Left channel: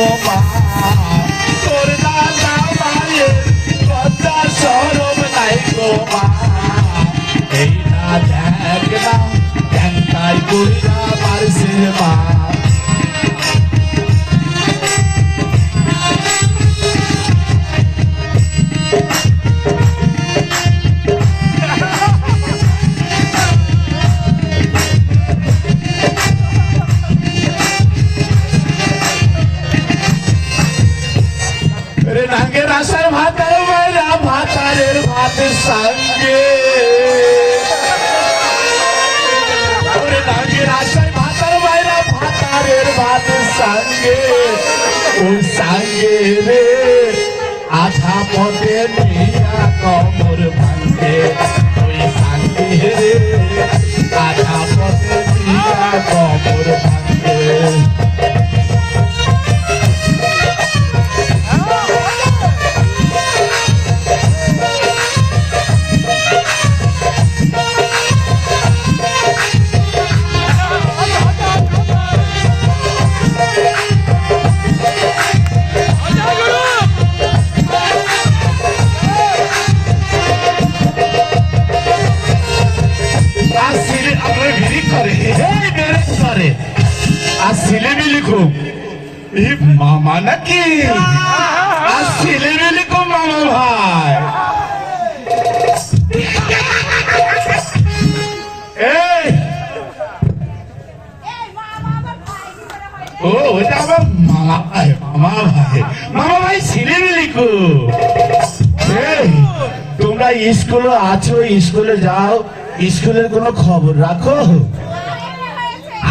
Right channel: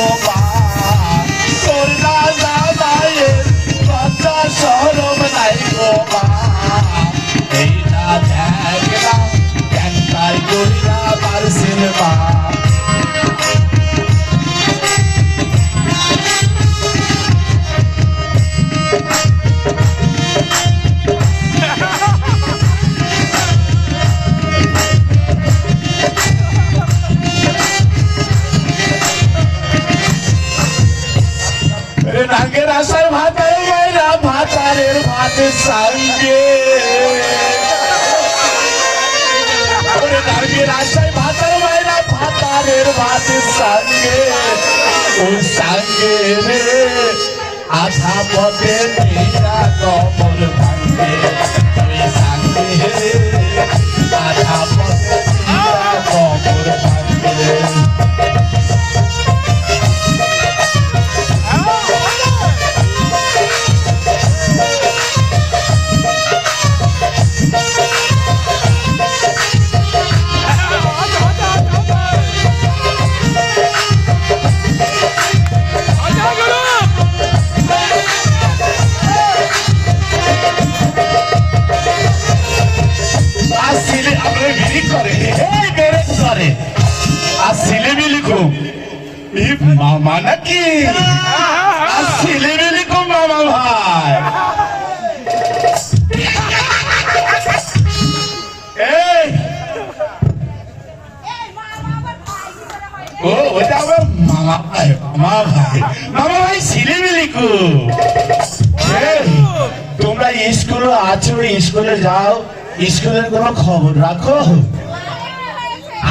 গো মা, তোর দাদা মায়ের লজ্জা শরম নাই গো মা, এই না দেখ না কেন তাই কইরা পারছে মা। নাঙ্গের আশায় ভাতার মায়েরা ভাতারের ভাতের সঙ্গে, নাঙ্গের আশায় ভাতার মায়েরা ভাতারের ভাতের সঙ্গে, ওই সঙ্গে রে আধা পথে নিয়া কমর ভাঙ্গে, ওই সঙ্গে রে আধা পথে নিয়া কমর ভাঙ্গে। মামা নাকি আর ছেলে মেলে কো মামা ভাই, ও ওটা আমার মামা ভাই, মামা ভাই, মামা ভাই ছেলে মেলে কো। তোমরা স্কুলে আছো, স্কুলে যাও, স্কুলের কোনো খবর রাখো?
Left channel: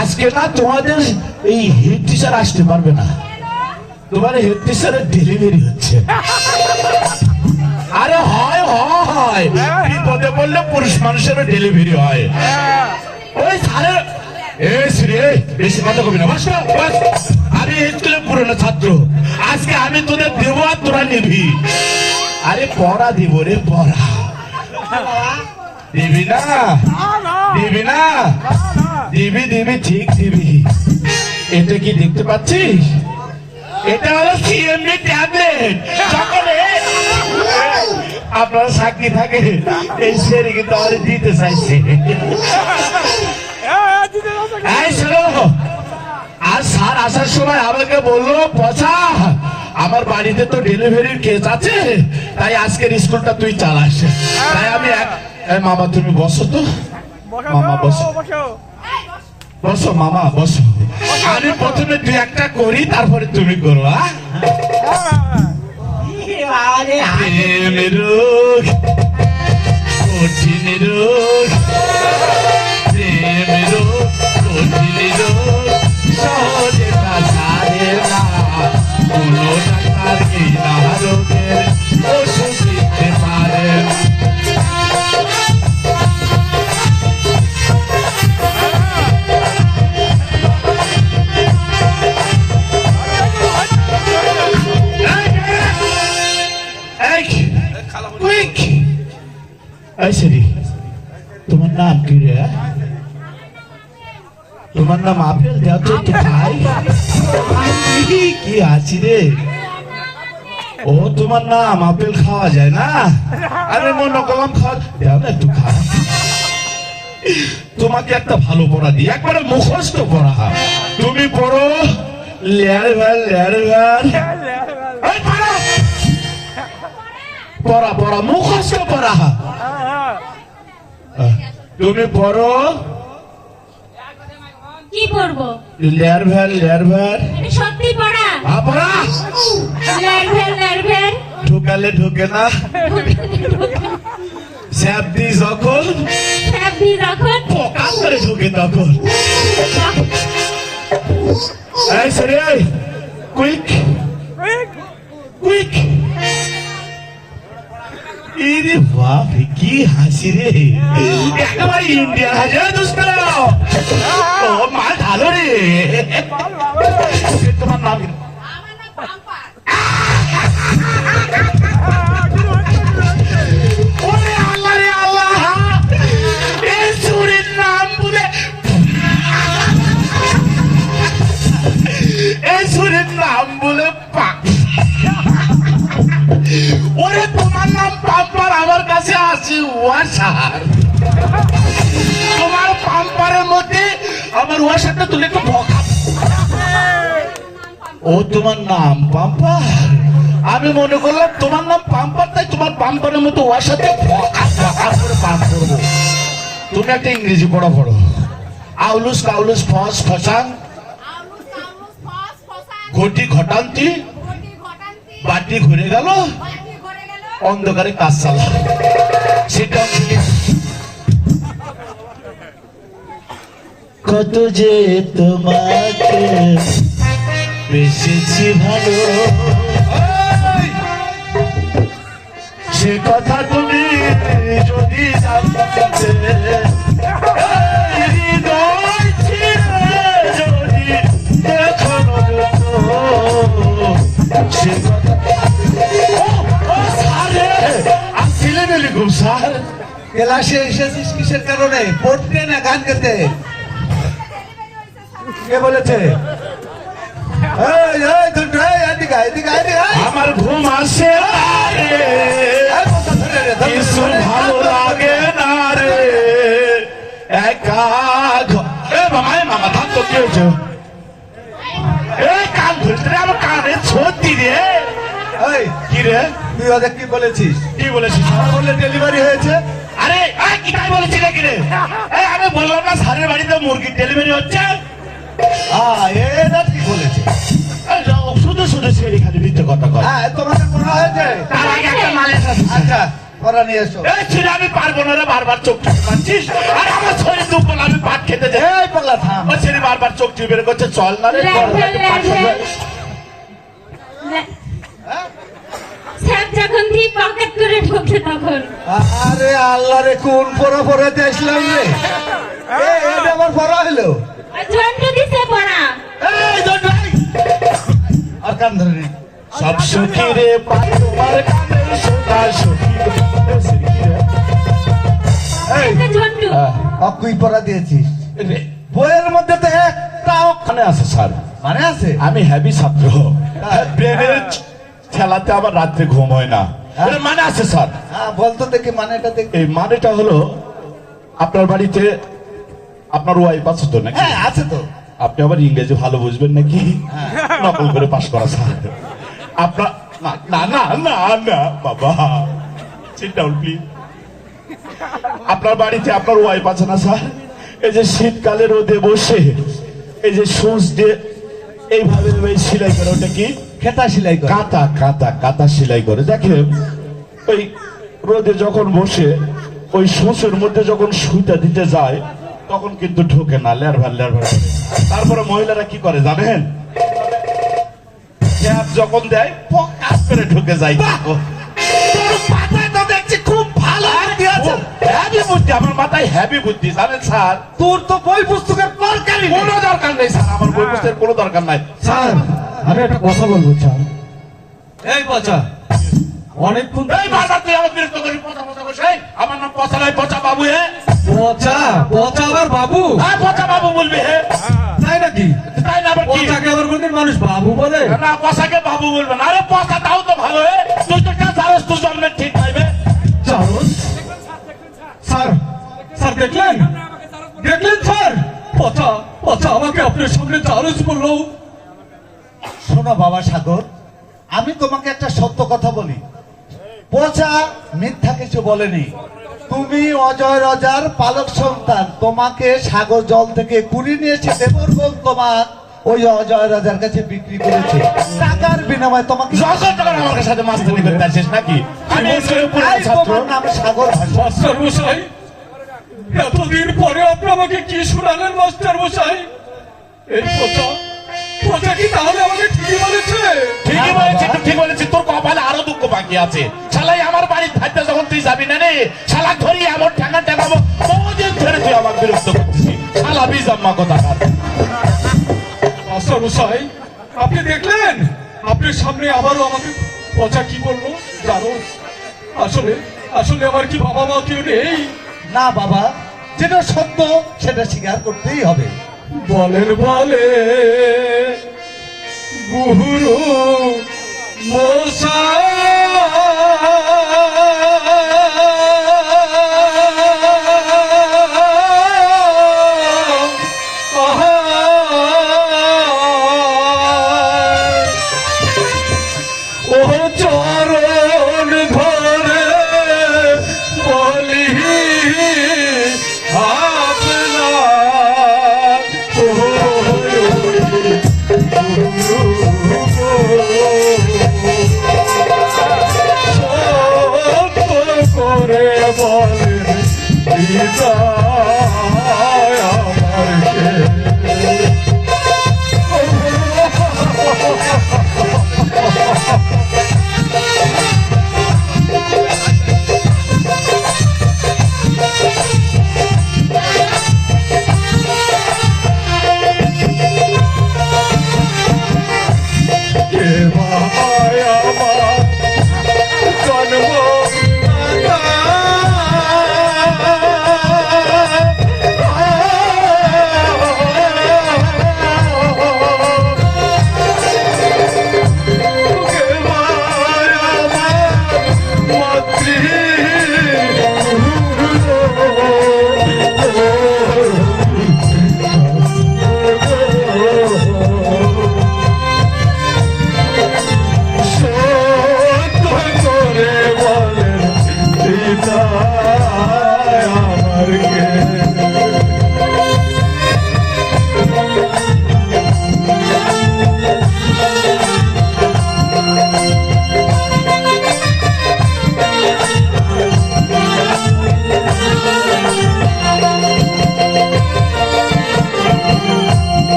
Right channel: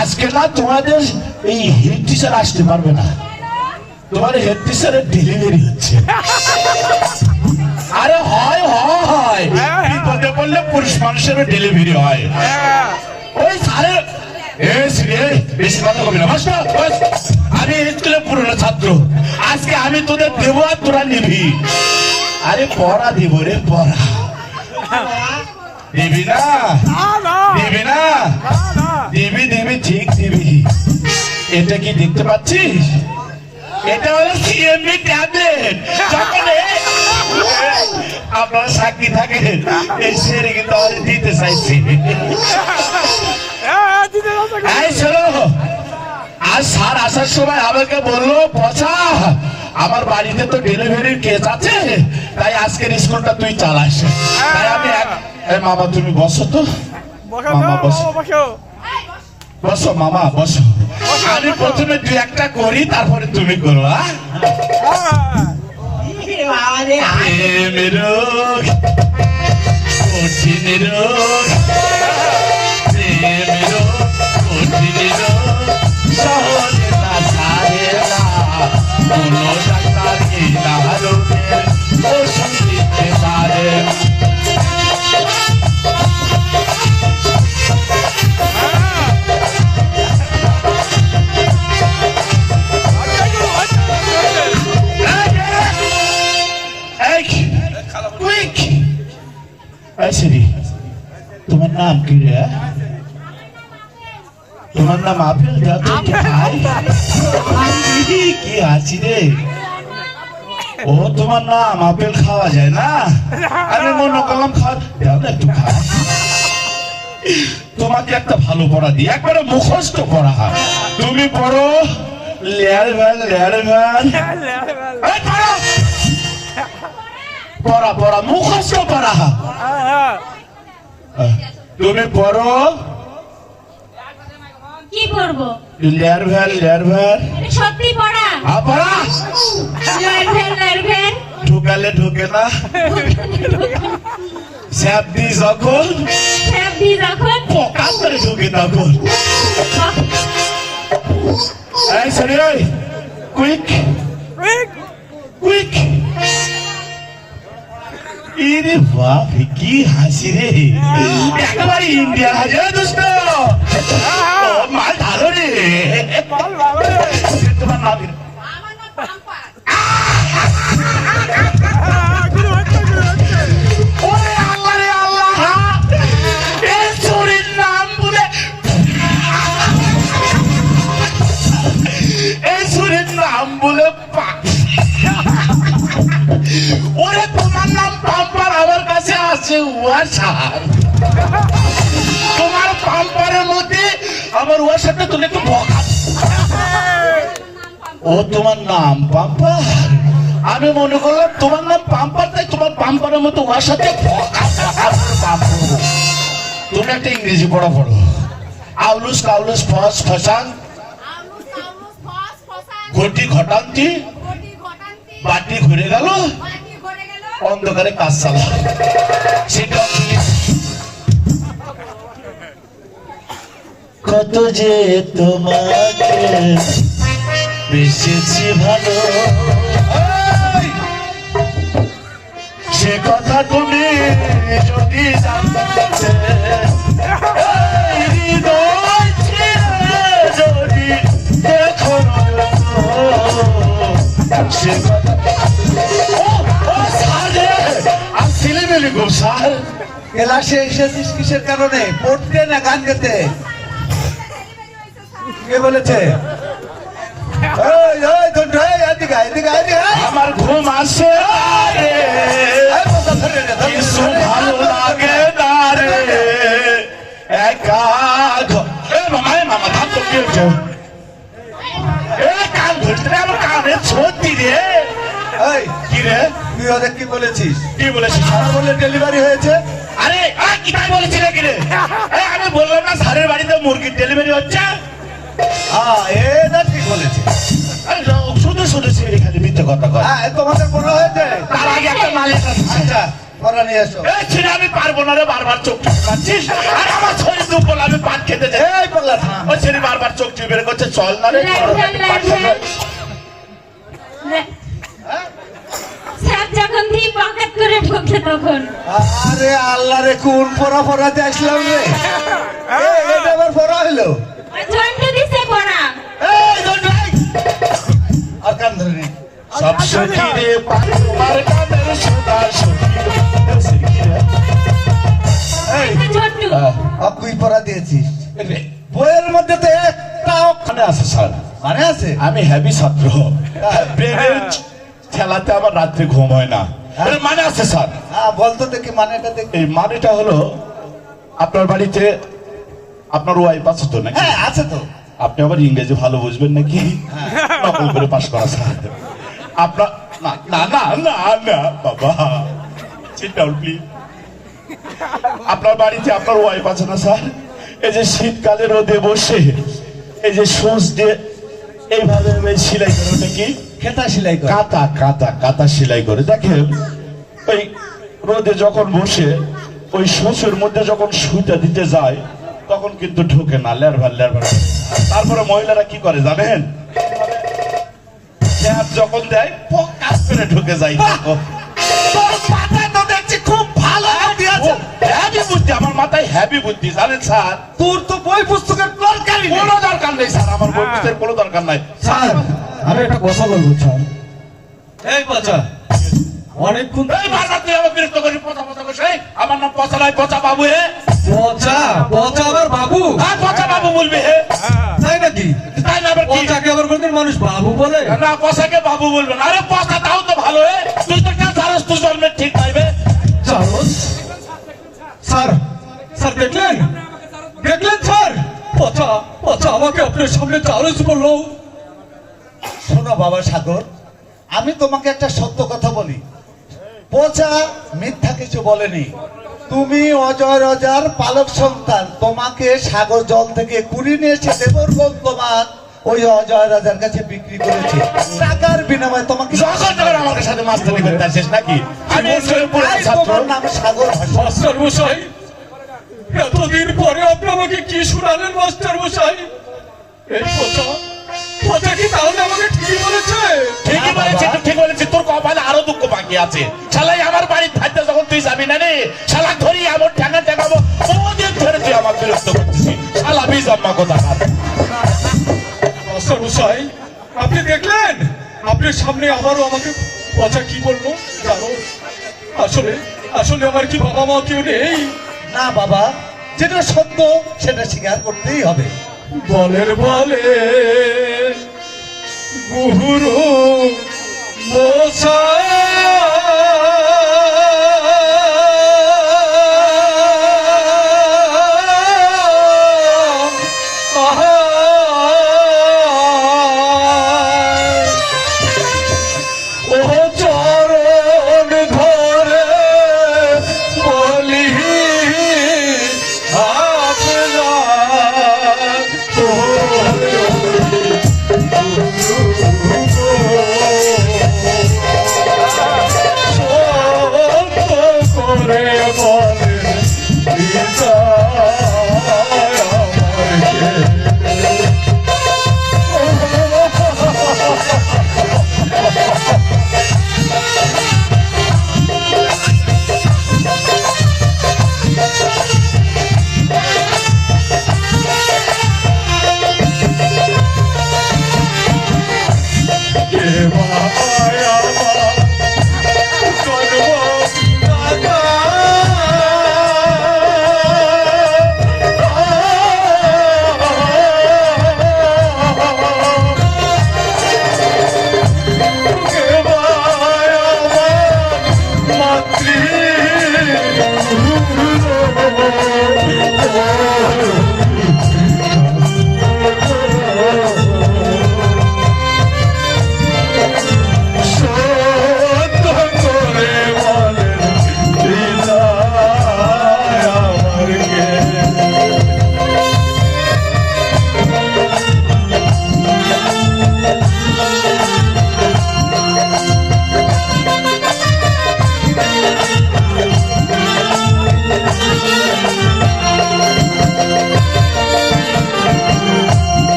আজকে না তোমাদের এই হেড টিচার আসতে পারবে না, তোমার হেড টিচারের ডেলিভারি হচ্ছে। আরে হয় হয়, বিপদে পড়লে পুরুষ মানুষের ডেলিভারি হয়। ওই সারে বেশি কথা কবি না, আমি স্কুলে পুরনো ছাত্র, আজকে আমি তোদের দেবো আর তোরা নিবি। আরে পড়া দিব রে, পড়া দিবি না, দিবি না, দিবি দিবি, ঠিক দিবি। এটা কি দেখতে পাচ্ছিস? এটা হলো সিএমবি ট্যাবলেট। যখন আপনারা সাক্ষী থাকে এই সেরে কিন্তু আমাদের দিতে চাইছি। আর স্যার আসার সময় আমাকে বললো, পচা আমার বাড়িতে তো ডেলিভারির কেস আছে, তাই আজকের স্কুলটা তুই চালাস। তাই আমি মামা তুমি বসো তো, মামা বসো, বসো মামা বসো। আমি প্রথমে দুই একটা করি, তারপরে তুমি করো। প্রেমের কঠিন রোগ, প্রেমের কঠিন রোগ, সহজে না সারে না, কোনো ডাক্তার কি না রোগের ওষুধ দিতে পারে। তোমার নাম কি রে? তোমার নাম আপেল? দাও তো খাই। কি আছি রে? ও তোমার নাম আপেল, খাওয়া যায় না? আমি মনে করলাম খাওয়া, দাও না একটু খা। তোমাকে একটা ভালো পড়া দিই, একবারে মুখস্থ পড়া। তুমি পড়ো লেয়ার বাল লেয়ার বাল, পড়া পড়া মুখস্থ পড়া। তুমি পড়ো, কি পড়বো? লেয়ার ভ্যাল লেয়ার ভ্যাল। সত্যি পড়া? পড়া। লেয়ার ভ্যাল লেয়ার ভ্যাল ঢুকালে ঢুকে না, স্যাপ দি যখন, স্যাপ দি যখন পোকা করে ঢুকে তখন। এই সরি, কুইক কুইক। ইরে বাপ, কি হাসি রে, একেবারে ইন্ডিয়া হাজার দোস্ত। ও মাল ভালো রে। তোমার নাম? আমার নাম পাম্পা। ওরে আল্লাহ রে আল্লাহ, এই চোরের নাম বলে, এই চোরের নাম বলে আছে ওয়াশার। তোমার পাম্পারের মধ্যে আমার ওয়াশারটা তুলে একটু বকা। ও তোমার নাম পাম্পার? আমি মনে করলাম তোমার নাম পাম্পার, তাই তোমার পাম্পারের মতো ওয়াশারতে বকা বকা করে পাম্প করবো। তুমি একটা ইংরেজি পড়া পড়ো। আউলুস কাউলুস ফস ফসাং আউলুস আউলুস ফস ফসান ঘটি ঘটান্তি গটি ঘটান্তি বাটি ঘুরে গেল বাটি ঘরে গেল অন্ধকারে কাজ চালা। সেটা কত যে তোমাকে বেশিছি ভালো, সে কথা তুমি যদি জানতে, এই হৃদয় ছিঁড়ে যদি দেখো সে কথা। ও স্যার রে, আমি ছেলেমেলে গো স্যার। ক্লাসে এসেছিস কিসের কারণে? পড়তে না গান গেতে? কে বলেছে? এই, এই, দুটো, এই, এদিকে আয়, এদিকে আয়, এদিকে আয়। আমার ঘুম আসে না রে, এই, কথা ধরে রে, ধরে কিছু রে। ভালো লাগে না রে, একা মামা ধান তো কি হচ্ছে? এই কান ধরতে রে, আমার কানে সত্যি রে। এই, কি রে, তুই ওদের কি বলেছিস? কি বলেছিস? বলে ডেলিভারি হয়েছে? আরে কি তাই বলেছি রে কি রে? আমি বললাম না স্যারের বাড়িতে মুরগির ডেলিভারি হচ্ছে। এটা ঠিক বলেছিস। শুধু শুধু ছেড়ে খালি মিথ্যে কথা কয়। হ্যাঁ, তোমাদের মনে হয়েছে? তার আগে একটা মালিক আছে। আচ্ছা, করা নিয়ে এসো। এই ছিল আমি পারবো না রে, বারবার চোখ টিপে পাচ্ছিস। আর আমার শরীর দুর্বল, আমি পাট খেতে যাই। এই পাল্লা থাম। ও ছেলে বারবার চোখ টিপে বের করছে, চল না রে বড় ভাই, একটু পাট খেতে যাই। স্যার যখন দিয়ে পকেট করে ঢোকে তখন আরে আল্লাহ রে, কোন পড়া পড়াতে আসলাম রে? এটা আবার পড়া হলো? ওই জন্টু দিছে পড়া এই দুটো, এই। আর কান ধরে নে। সব সুখী রে পার কানের সুতা সুখী রে। এই, একটা জন্টু অকুই পড়া দিয়েছিস? রে, বইয়ের মধ্যে তো একটা ওখানে আছে স্যার। মানে আছে? আমি হ্যাভি ছাত্র, ব্রেনের খেলাতে আমার রাত্রে ঘুম হয় না। এর মানে আছে স্যার। হ্যাঁ, বলতো দেখি মানেটা দেখি। এই মানেটা হলো, আপনার বাড়িতে আপনার ওয়াইফ আছে তো নাকি? হ্যাঁ, আছে তো। আপনি আবার ইংরেজি ভালো বুঝবেন নাকি? নকল করে পাশ করা স্যার। আপনার না না না না না বাবা, সিট ডাউন প্লিজ। আপনার বাড়িতে আপনার ওয়াইফ আছে না স্যার? এই যে শীতকালে রোদে বসে এই যে সোঁচ দিয়ে এইভাবে সেলাই করে, ওটা কি? খেতা সেলাই করে। কাঁথা কাঁথা কাঁথা সেলাই করে। দেখেন ওই রোদে যখন বসে ওই সোঁচের মধ্যে যখন সুইটা দিতে যায় তখন কিন্তু ঢুকে না, লেরভার লেরভার। তারপরে মহিলারা কি করে জানেন? ট্যাপ যখন দেয় পকাস করে ঢুকে যায়। তোর মাথায় তো দেখছি খুব ভালো বুদ্ধি আছে। হ্যাভি বুদ্ধি, আমার মাথায় হ্যাভি বুদ্ধি জানেন স্যার। তোর তো বই পুস্তকের দরকারই নেই। কোনো দরকার নেই স্যার, আমার বই পুস্তকের কোনো দরকার নাই। স্যার, আমি একটা কথা বলবো স্যার। এই বাচ্চা, অনেকক্ষণ এই ভাষা তুই আমার বিরক্ত করি, পচা পচা করিস। এই, আমার নাম পচা নাই, পচা বাবু হে। পচা পচা আবার বাবু, হ্যাঁ পচা বাবু বলবি হে। তাই নাকি? তাই না আবার কি? পচাকে আবার কোনদিন মানুষ বাবু বলে? না পচাকে বাবু বলবে না। আরে পচা তাও তো ভালো হে। তুই তো কেন জানোস তুই জন্মে ঠিক পাইবে? চারস স্যার, স্যার দেখলেন দেখলেন স্যার, পচা পচা আমাকে আপনার সামনে চারস বললো। শোনো বাবা সাগর, আমি তোমাকে একটা সত্য কথা বলি। পচা মিথ্যা কিছু বলেনি। তুমি অজয় রাজার পালক সন্তান। তোমাকে সাগর জল থেকে কুড়ি নিয়েছে দেবরগঞ্জ, তোমার ওই অজয় রাজার কাছে বিক্রি করেছে টাকার বিনিময়ে। তোমাকে যখন তখন আমার সাথে মাস্টারি করতে আসিস নাকি? আমি স্কুলের পুরো তাই ছাত্র। তোমার নাম সাগর ভাষা। মাস্টার মশাই, এতদিন পরে আপনি আমাকে কি শুনালেন মাস্টার মশাই? এই পচা পচা কি তাহলে আমাকে ঠিকই বলেছে? ঠিকই বলেছি, তুই ঠিক বলেছিস। তোর কপালে আরো দুঃখ বাকি আছে। শালাই আমার বাড়ির থাকতে যখন তুই যাবি না রে, শালা ধরি আমার ঠ্যাঙ্গা ঠ্যাঙ্গাবো। বহুদিন ধরে তুই আমার বিরক্ত করছিস। শালা বিজাম্মা কোথাকার। মাস্টার মশাই, আপনি দেখলেন আপনার সামনে আবারও আমাকে পচা কি বলবো জানো? আসলে আসলে আমার কি বাবা মা কেউ নেই? না বাবা, যেটা সত্য সেটা স্বীকার করতেই হবে। বলের বলে গুরু মশাই পিতা আমার কে? কে ভাই আমার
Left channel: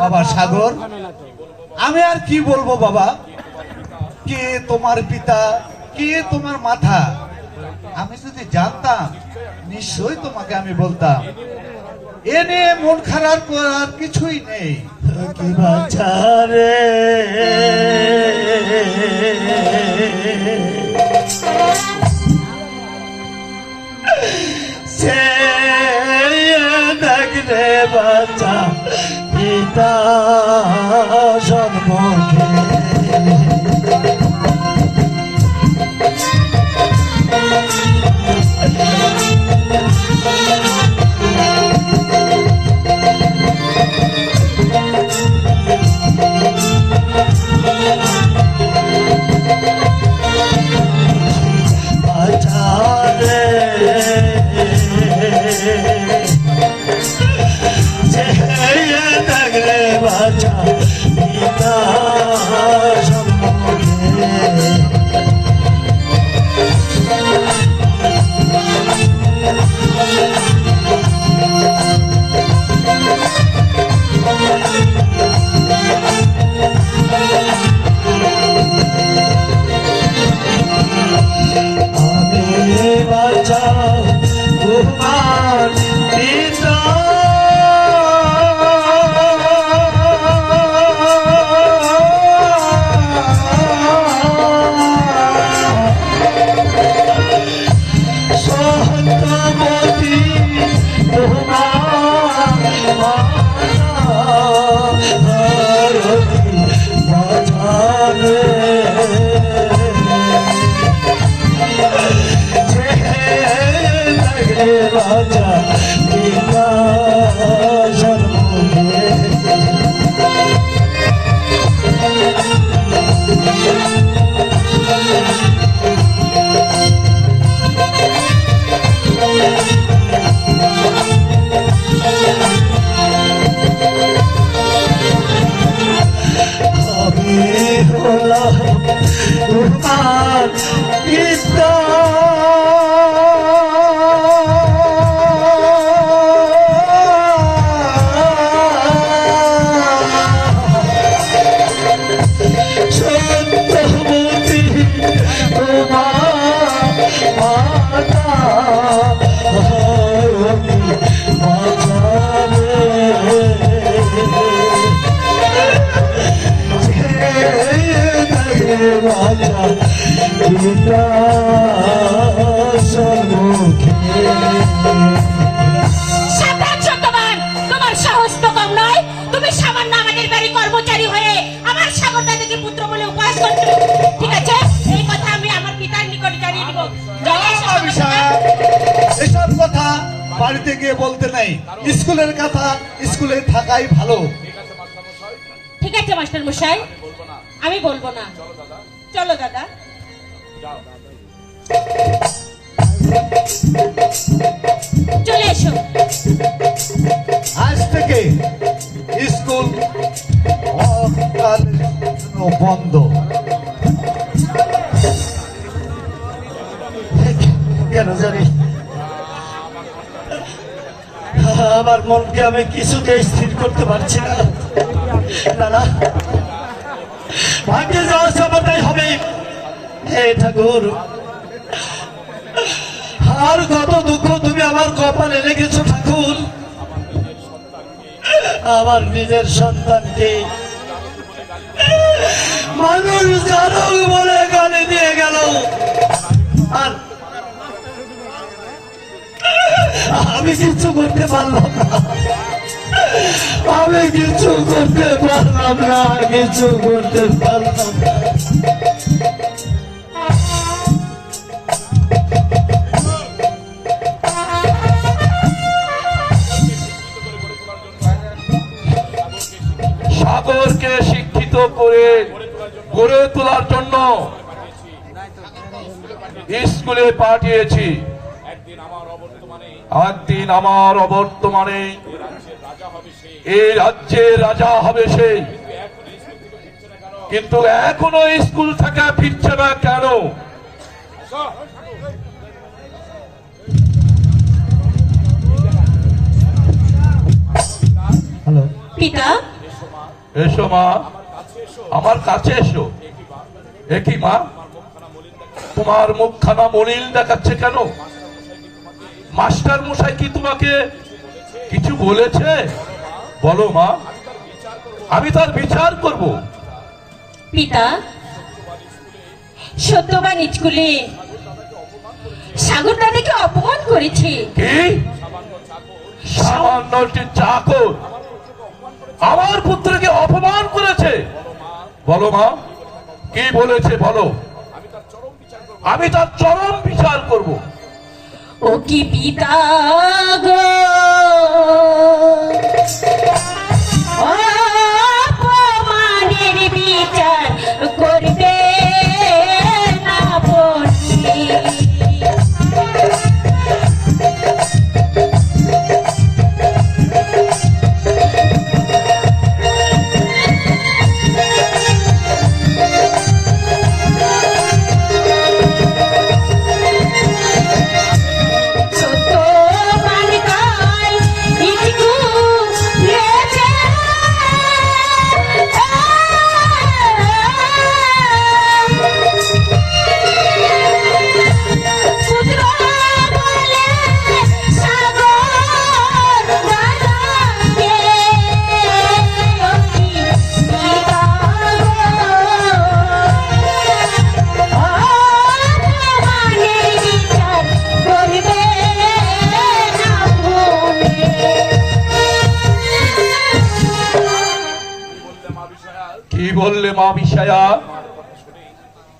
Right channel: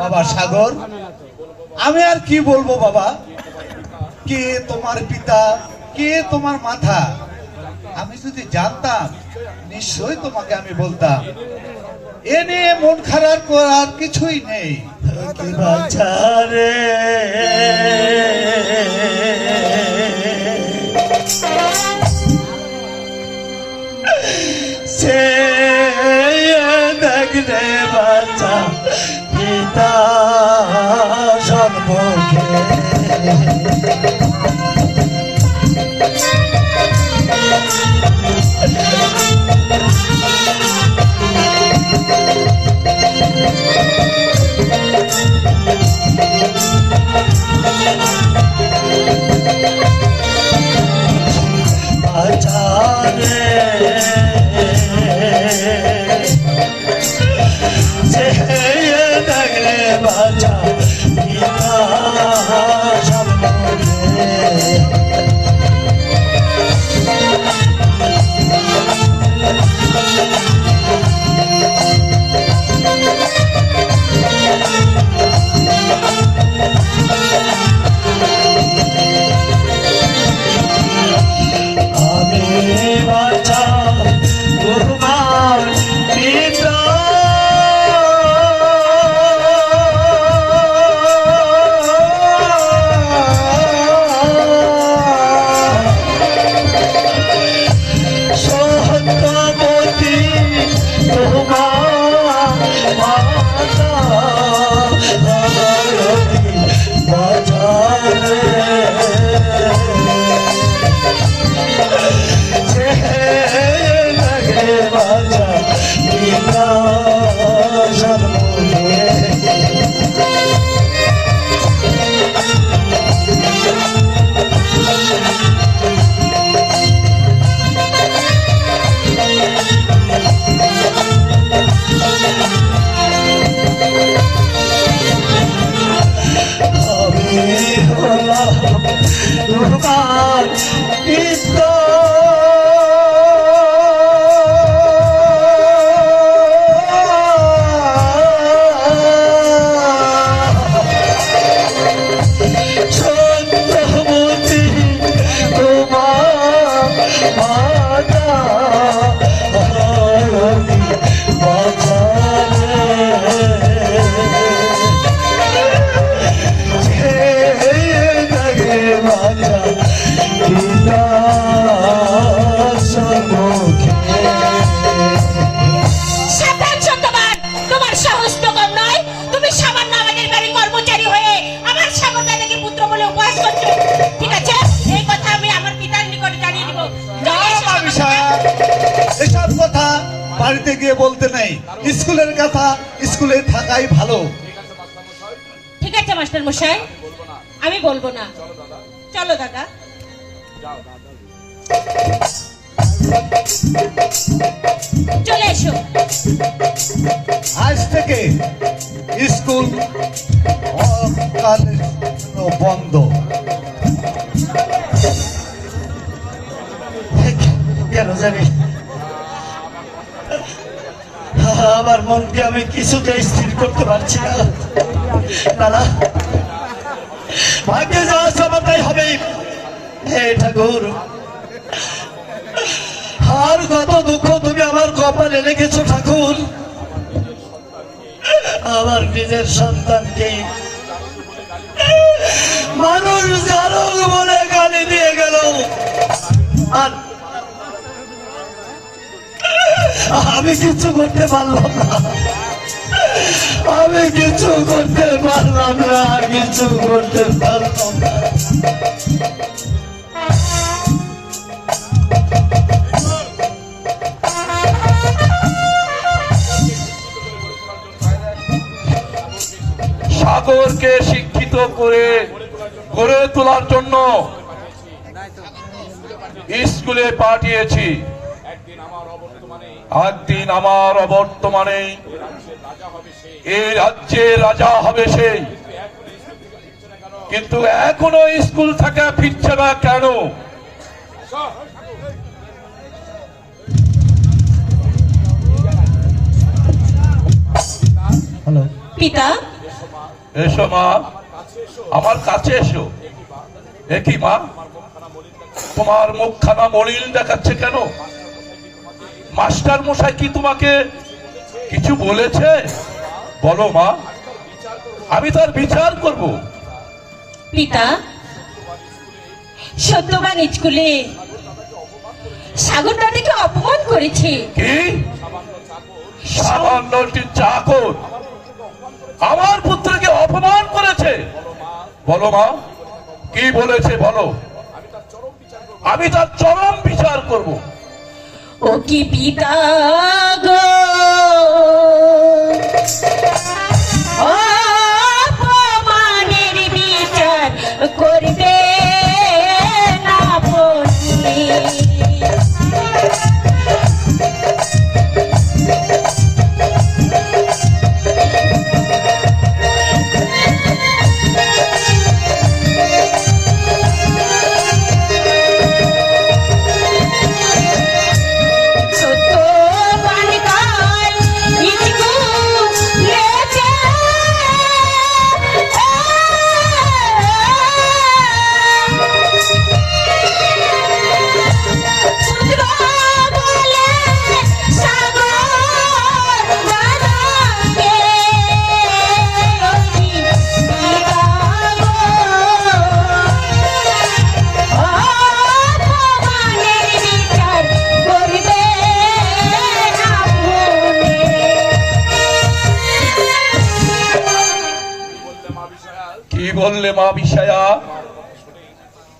বাবা সাগর, আমি আর কি বলবো বাবা? কে তোমার পিতা, কে তোমার মাথা? আমি যদি জানতাম নিশ্চয়ই তোমাকে আমি বলতাম। এ নিয়ে মন খারাপ করার কিছুই নেই। কি বাচ্চা রে, সে দেখ রে বাচ্চা পিতা জন্মকে নাই। স্কুলের কথা স্কুলে থাকাই ভালো। ঠিক আছে মাস্টার মশাই, আমি বলবো না। চলো দাদা। চলে এসো। আজ থেকে স্কুল অকালের জন্য বন্ধ। কেন জানি আমার মনকে আমি কিছুতে স্থির করতে পারছি না। দাদা, ভাগ্যে যাওয়া সবটাই হবে। হে ঠাকুর, আর কত দুঃখ তুমি আমার কপালে লেগেছো ঠাকুর। আমার নিজের সন্তানকে মানুষ জানুক বলে গালি দিয়ে গেল, আর আমি কিছু করতে পারলাম না। আমি কিছু করতে পারলাম না, কিছু করতে পারলাম না। সাগরকে শিক্ষিত করে গড়ে তোলার জন্য স্কুলে পাঠিয়েছি। একদিন আমার অবর্তমানে এই রাজ্যের রাজা হবে সেই। কিন্তু এখনো স্কুল থেকে ফিরছে না কেন? হ্যালো পিতা, এসো মা, আমার কাছে এসো। একই মা, তোমার মুখখানা মলিন দেখাচ্ছে কেন? মাস্টার মশাই কি তোমাকে কিছু বলেছে? বলো মা, আমি তার বিচার করব। পিতা, সত্যবান স্কুলে সাগর দাদাকে অপমান করেছে। কি? সামান্য একটি চাকর আমার পুত্রকে অপমান করেছে? বলো মা, কি বলেছে বলো, আমি তার চরম বিচার করব। ও কি পিতা গো, অপমানের বিচার করবে না বলি। কি বললে মা বিষয়া?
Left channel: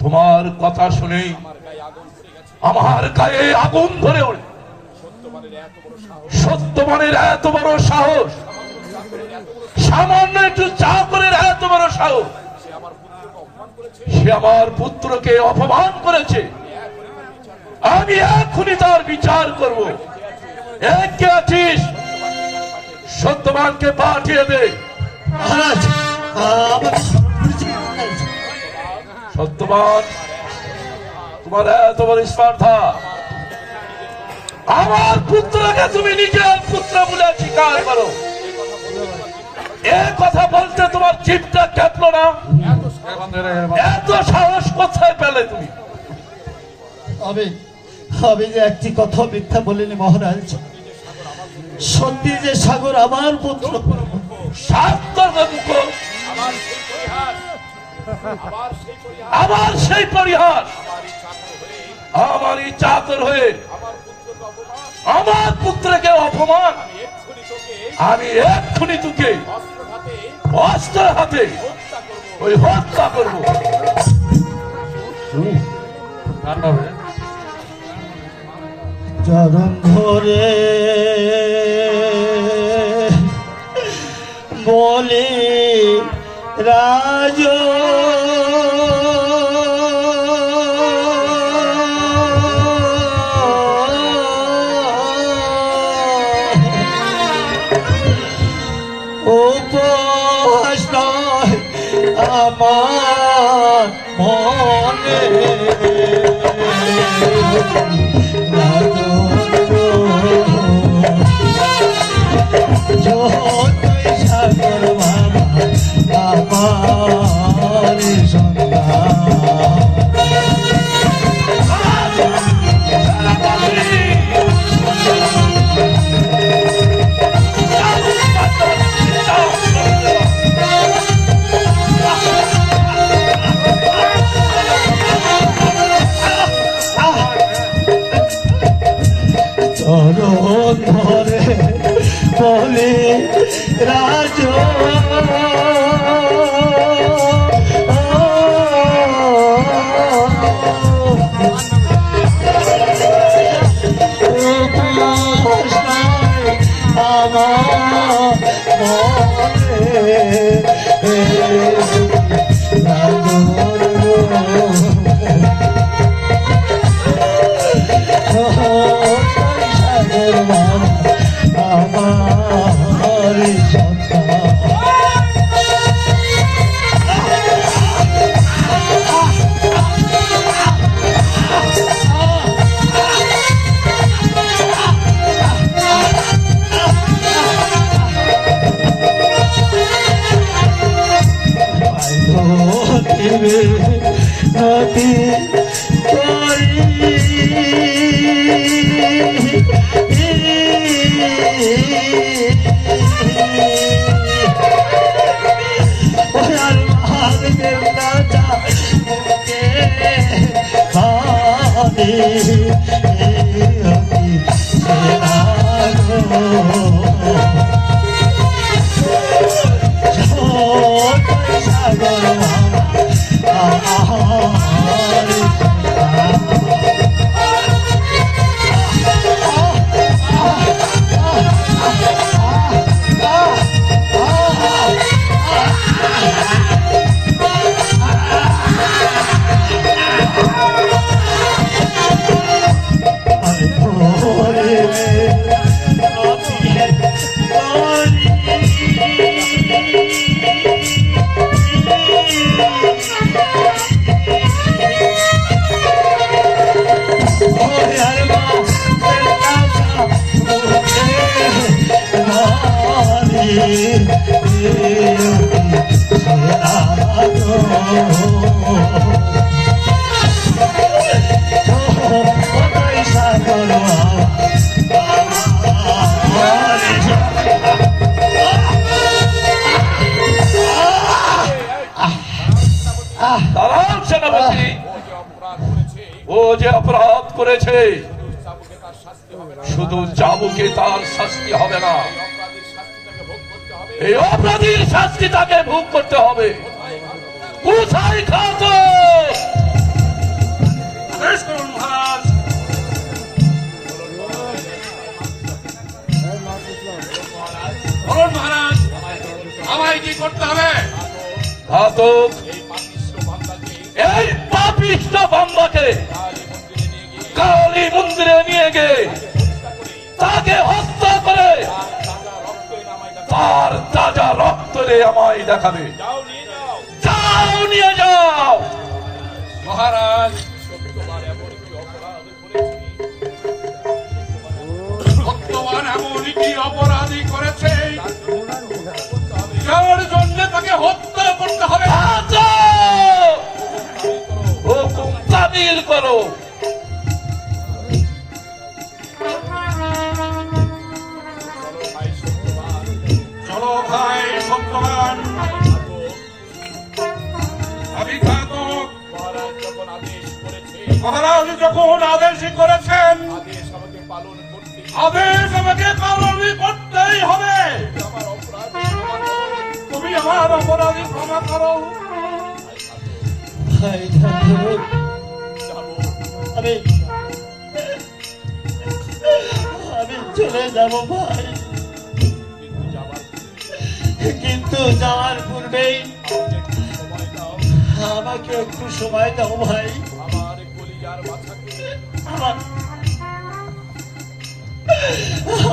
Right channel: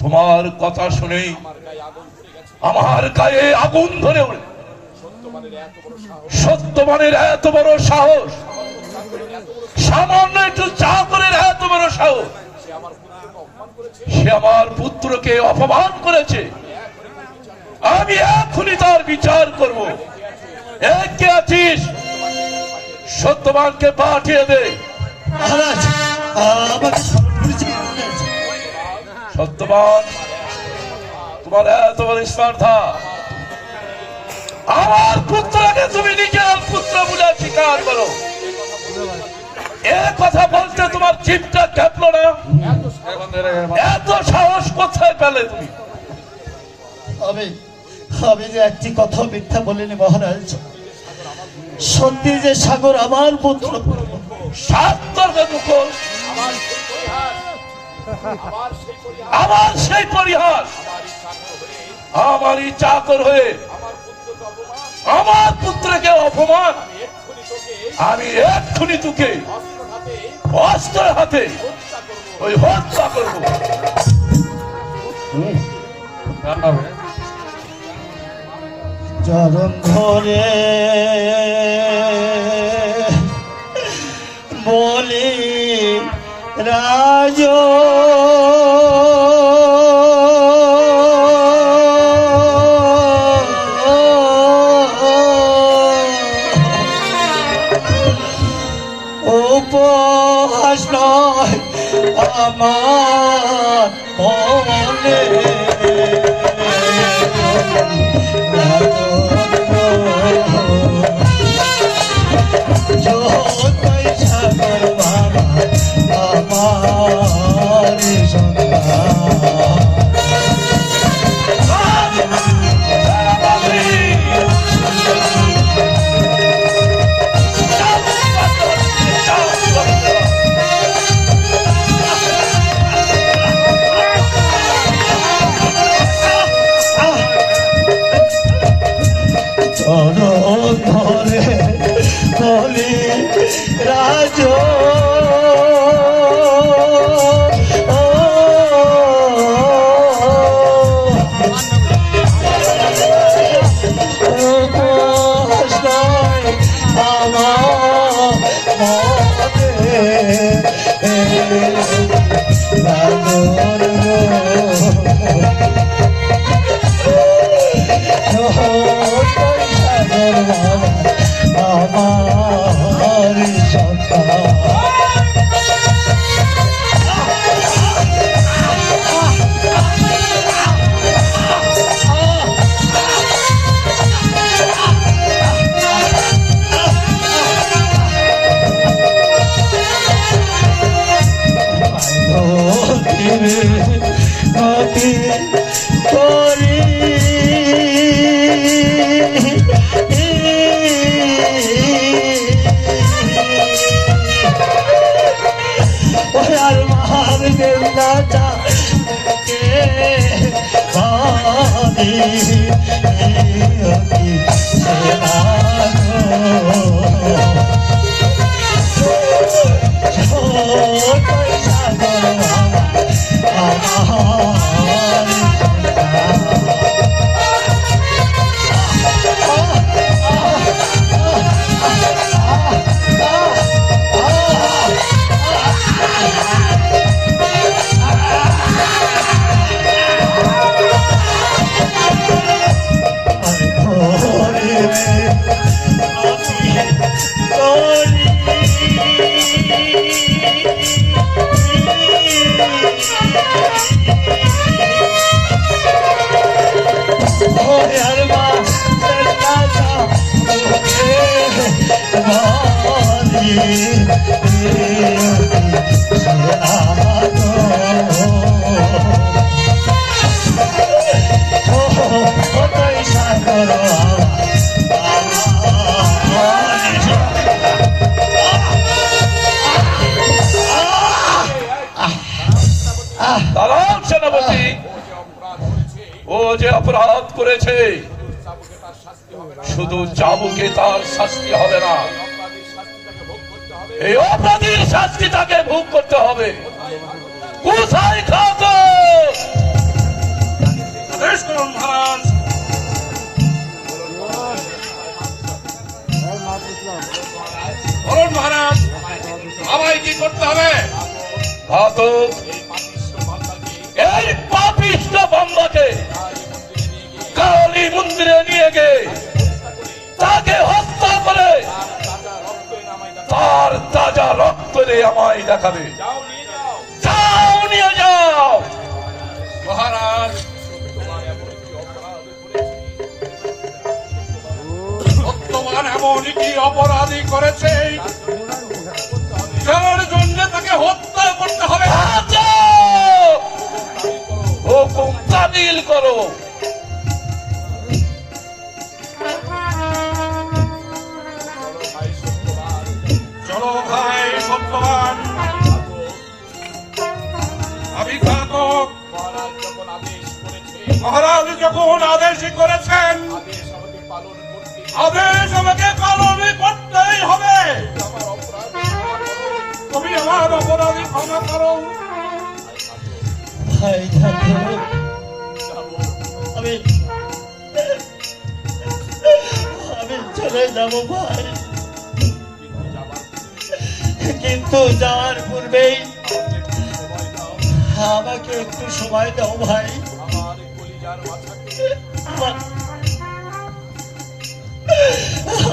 তোমার কথা শুনেই আমার গায়ে আগুন ধরে ওঠে। সত্যবানের এত বড় সাহস, সামান্য একটু চাকরের এত বড় সাহস, সে আমার পুত্রকে অপমান করেছে। আমি এখনই তার বিচার করব। কে আছিস? সত্যবানকে পাঠিয়ে দে। মহারাজ, আমাকে সত্যবান, তোমার এত বড় স্পর্ধা, আমার পুত্রকে তুমি নিজের পুত্র বলে স্বীকার করো। এ কথা বলতে তোমার জিভটা কাঁপলো না? এত সাহস কোথায় পেলে তুমি? আমি যে একটি কথা মিথ্যা বলিনি মহারাজ। সত্যি যে সাগর আমার পুত্র। আমার সেই পরিহাস, আমারই চাকর হয়ে আমার পুত্রকে অপমান। আমি এক্ষুনি তোকে অস্ত্র হাতে ওই হত্যা করবো। চরণ ধরে বলে রাজ উপহাস নয় আমার মনে জয় সাগর বাবা আমার চরণ ধরে বলে রাজ দাঁড়ান সেনাপতি, ও যে অপরাধ করেছে শুধু চাবুকে তার শাস্তি হবে না, এই অপরাধীর শাস্তি তাকে ভোগ করতে হবে। কোথায় খাতো? মহারাজ, আমায় কি করতে হবে? ঘাতক এই পাপিষ্ঠ বান্দাকে কালী মন্দিরে নিয়ে গিয়ে তাকে হত্যা করে তার তাজা রক্ত আমায় দেখাবে। যাও, নিয়ে যাও। মহারাজ, ভগবান এমন কি অপরাধী করেছে যার জন্য তাকে হত্যা করতে হবে? হুকুম বাতিল করো। চলো ভাই সত্যবান, আমি ঘাতক। মহারাজ যখন আদেশ করেছেন, আদেশ আমাকে পালন করতেই হবে। তুমি আমার অপরাধী ক্ষমা করো। আমি চলে যাবো ভাই। কিন্তু যাওয়ার পূর্বেই আমাকে একটু সময় দাও ভাই।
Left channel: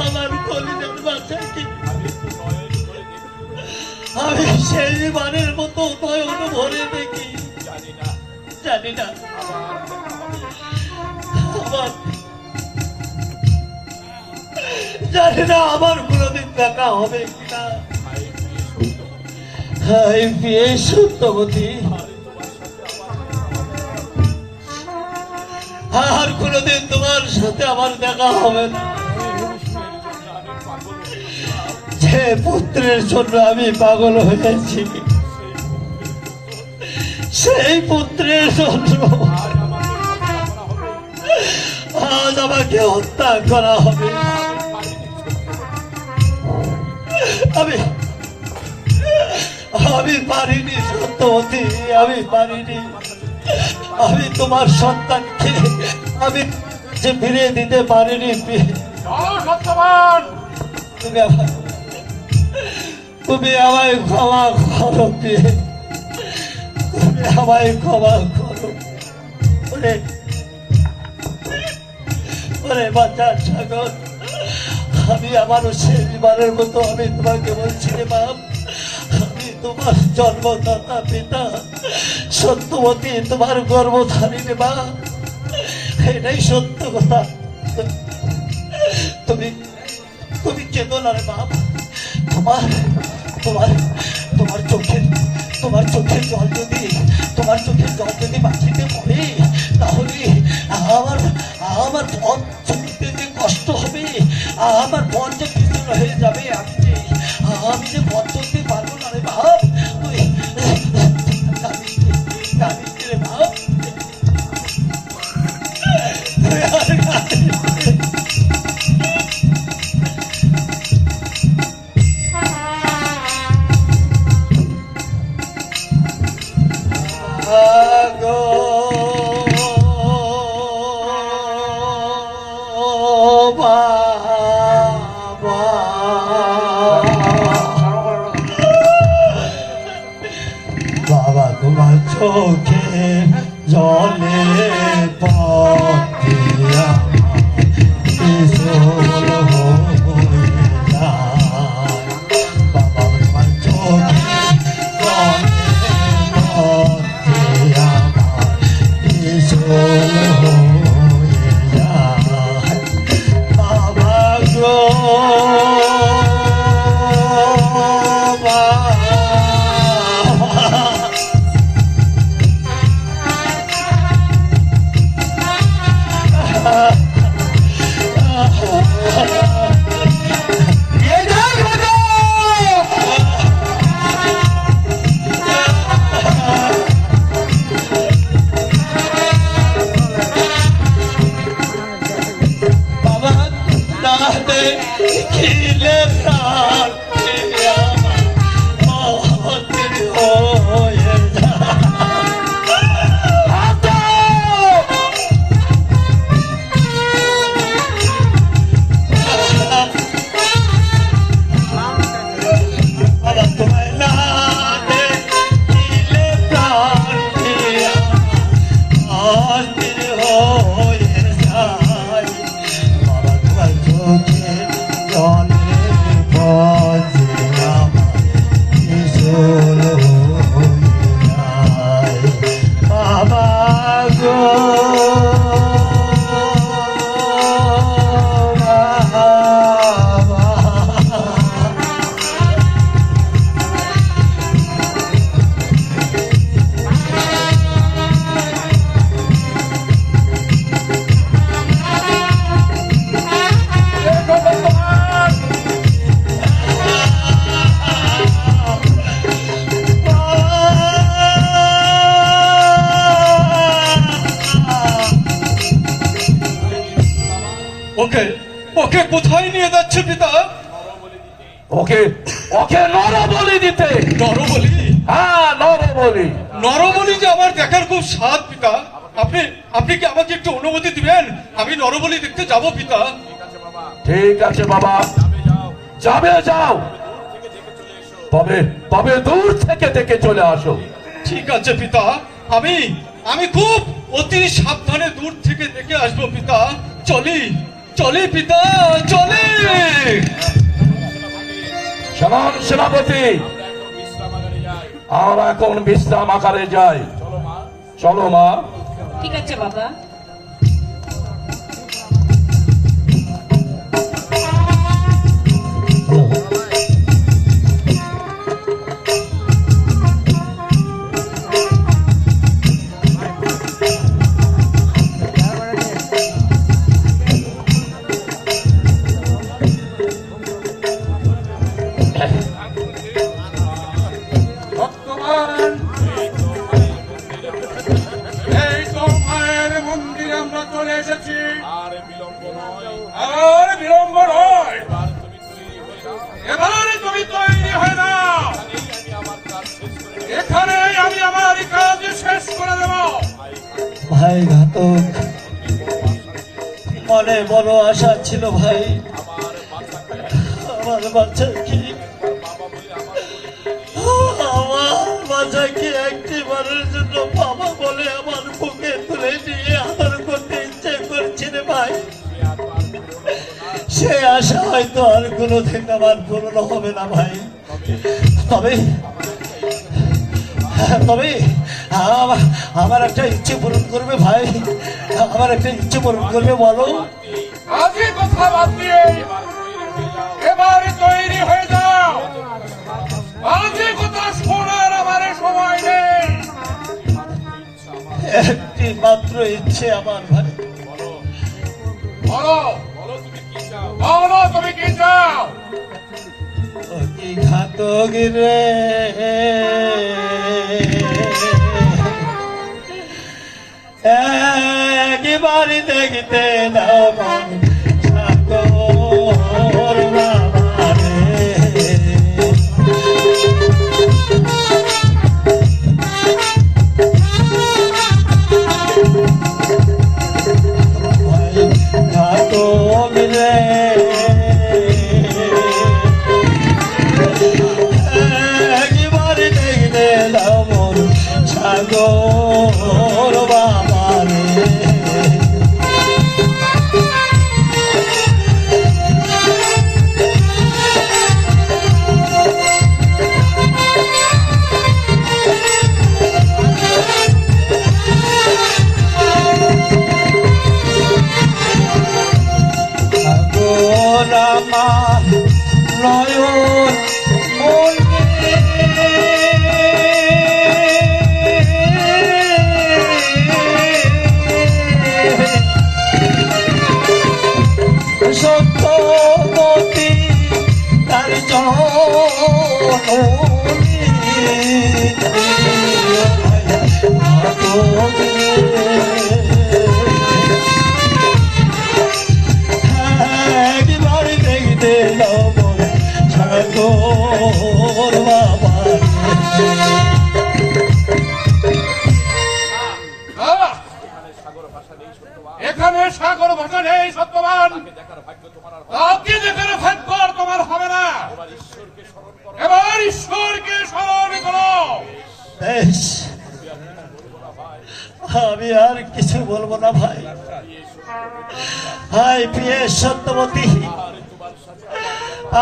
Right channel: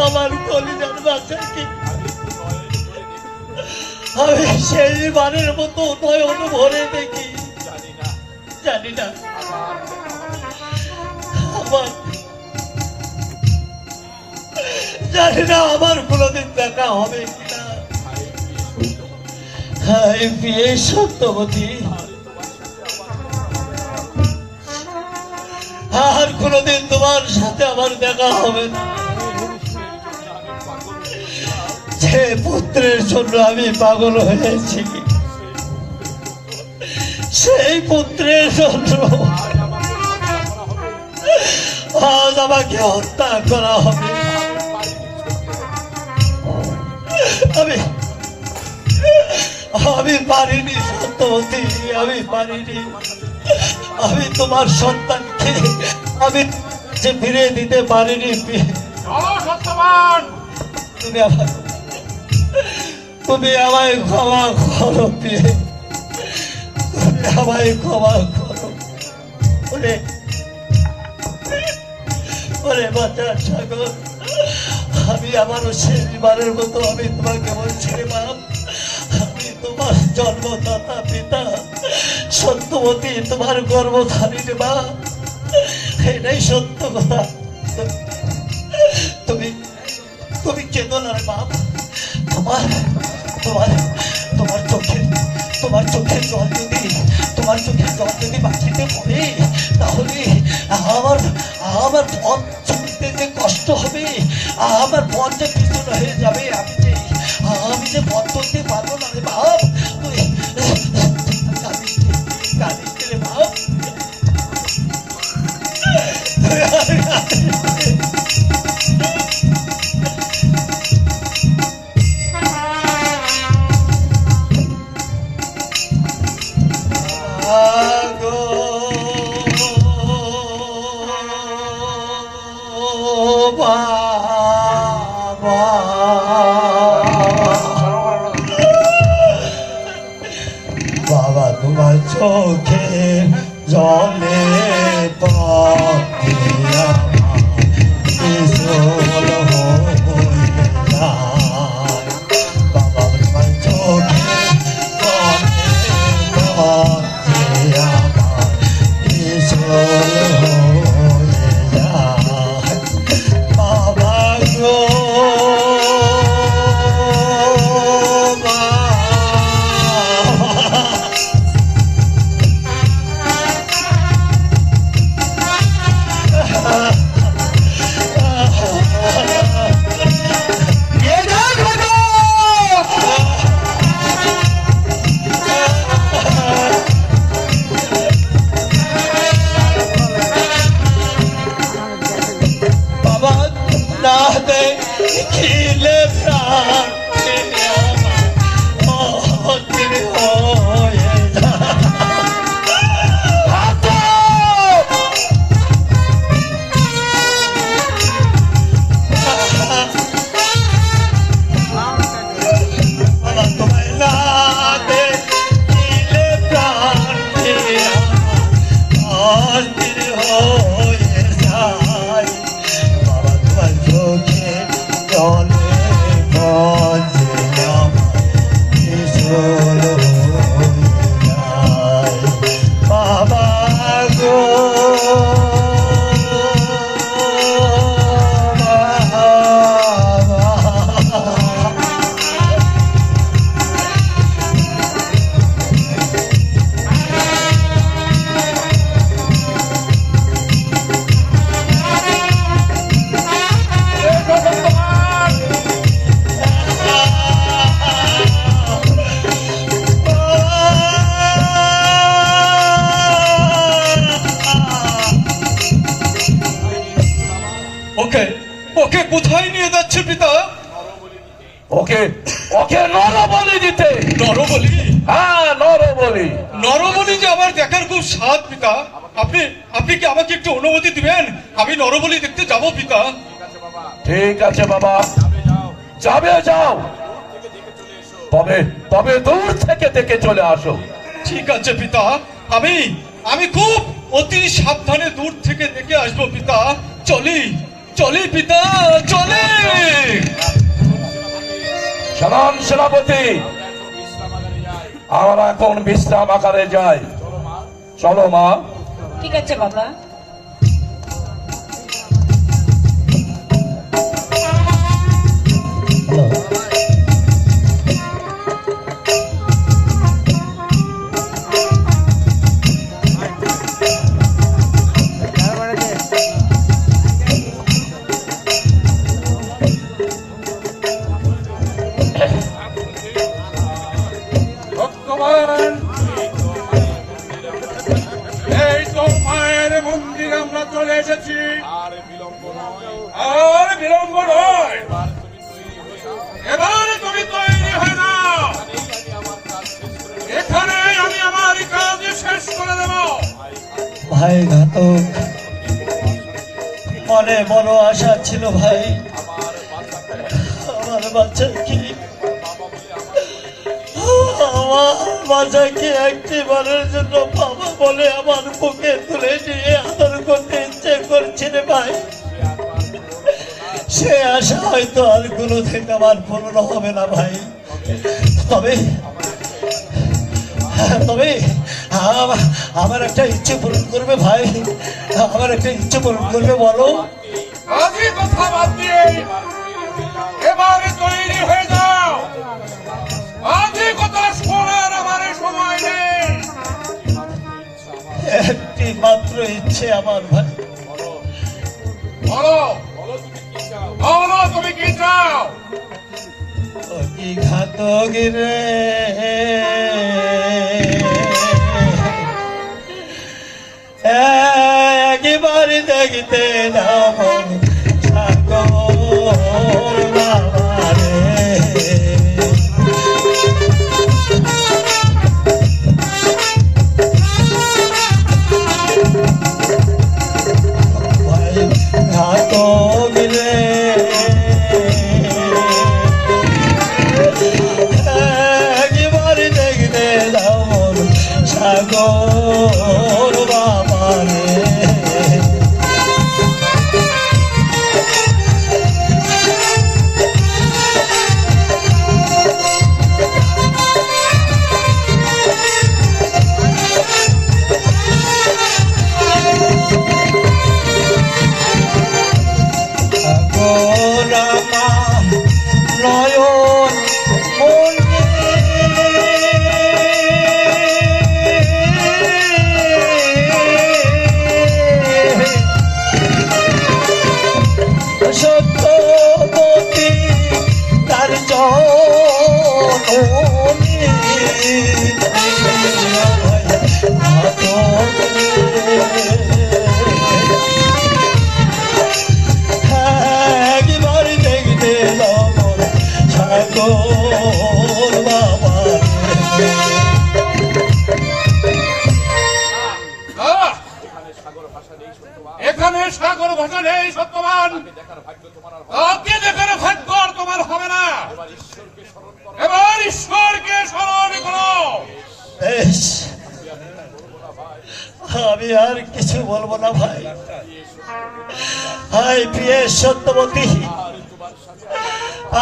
আমার কলিজার বাচ্চাকে আমি সেই বারের মতো নয়ন ভরে দেখি। জানি না আমার কোনোদিন দেখা হবে কিনা। হাই বিয়ে সত্যবতী, আর কোনোদিন তোমার সাথে আমার দেখা হবে না। যে পুত্রের জন্য আমি পাগল হয়েছি, সেই পুত্রের জন্য আজ আমাকে হত্যা করা হবে। আমি পারিনি সত্যবতী, আমি পারিনি। আমি তোমার সন্তানকে আমি যে ফিরে দিতে পারিনি। তুমি আমায় ক্ষমা করো, তুমি আমায় ক্ষমা করো। ওরে বাচ্চার সাগর, আমি আমারও শেষবারের মতো আমি তোমাকে বলছি রে বাপ, আমি তোমার জন্মদাতা পিতা সত্যবতী, তোমার গর্ভধারী রে বাপ, এটাই সত্য কথা। তুমি তুমি কেঁদো না রে বাপ। তোমার তোমার তোমার চোখের জল যদি মাটিতে পড়ে, তাহলে আমার পথ চলতে যে কষ্ট হবে, আমার পথ যে পিছন হয়ে যাবে। আমি যে পথ চলতে পারবো না রে বাপ। কাঁদিস রে বাপ। বাবা তোমার চোখে জলে পথে বাবা তোমার চোখে জলে ওকে কোথায় নিয়ে যাচ্ছে পিতা? ওকে নরবলি দিতে। নরবলি? হ্যাঁ, নরবলি। নরবলি যে আমার দেখার খুব স্বাদ পিতা। আপনি কি আমাকে একটু অনুমতি দিবেন? আমি নরবলি দেখতে যাব পিতা। ঠিক আছে বাবা, যাবে, যাও। তবে তবে দূর থেকে দেখে চলে আসো। ঠিক আছে পিতা, আমি আমি খুব অতি সাবধানে দূর থেকে দেখে আসবো পিতা। চলি চলি পিতা, চলি। সালাম সেনাপতি, আমরা এখন বিশ্রাম আকারে যাই। চলো মা। ঠিক আছে বাবা। ভক্তগণ, এই তো মায়ের মন্দিরে আমরা চলে এসেছি। আর বিলম্ব নয়, এবারে তুমি তৈরি হয়ে নাও। এখানে আমি আমার কাজ শেষ করে দেব। ভাই ঘাতক, মনে বড় আশা ছিল ভাই, আমার বাচ্চা কি আমার বাচ্চাকে একটিবারের জন্য বাবা বলে আমার বুকে তুলে নিয়ে আদর করতে ইচ্ছে করছে রে ভাই। সে আশা হয়তো আর কোনোদিন আমার পূর্ণ হবে না ভাই। তবে তবে আমার একটা ইচ্ছে পূরণ করবে ভাই, আমার একটা ইচ্ছে পূরণ করবে বলো। আজকে কথা বাদ দিয়ে এবারে তৈরি হয়ে যাও। আজকে কথা শোনার আমার সময় নেই। একটি মাত্র ইচ্ছে আমার ভাই। বলো বলো, তুমি কি চাও? কি ঘাতক রে, একবারে দেখতে নাও মন সাগর বাবা রে। ঘাতক রে, একবারে দেখতে নাও মন সাগর বাবা রে। সত্যবতী তার জননী একবার দেখতে লবণ সাগর বাবা এখানে সাগর ভাষা নেই সত্যবান। তাকে দেখার ভাগ্য আর তোমার হবে না। এবার ঈশ্বরকে স্মরণ করো। বেশ, আমি আর কিছু বলবো না ভাই। হাই প্রিয় সত্যবতী,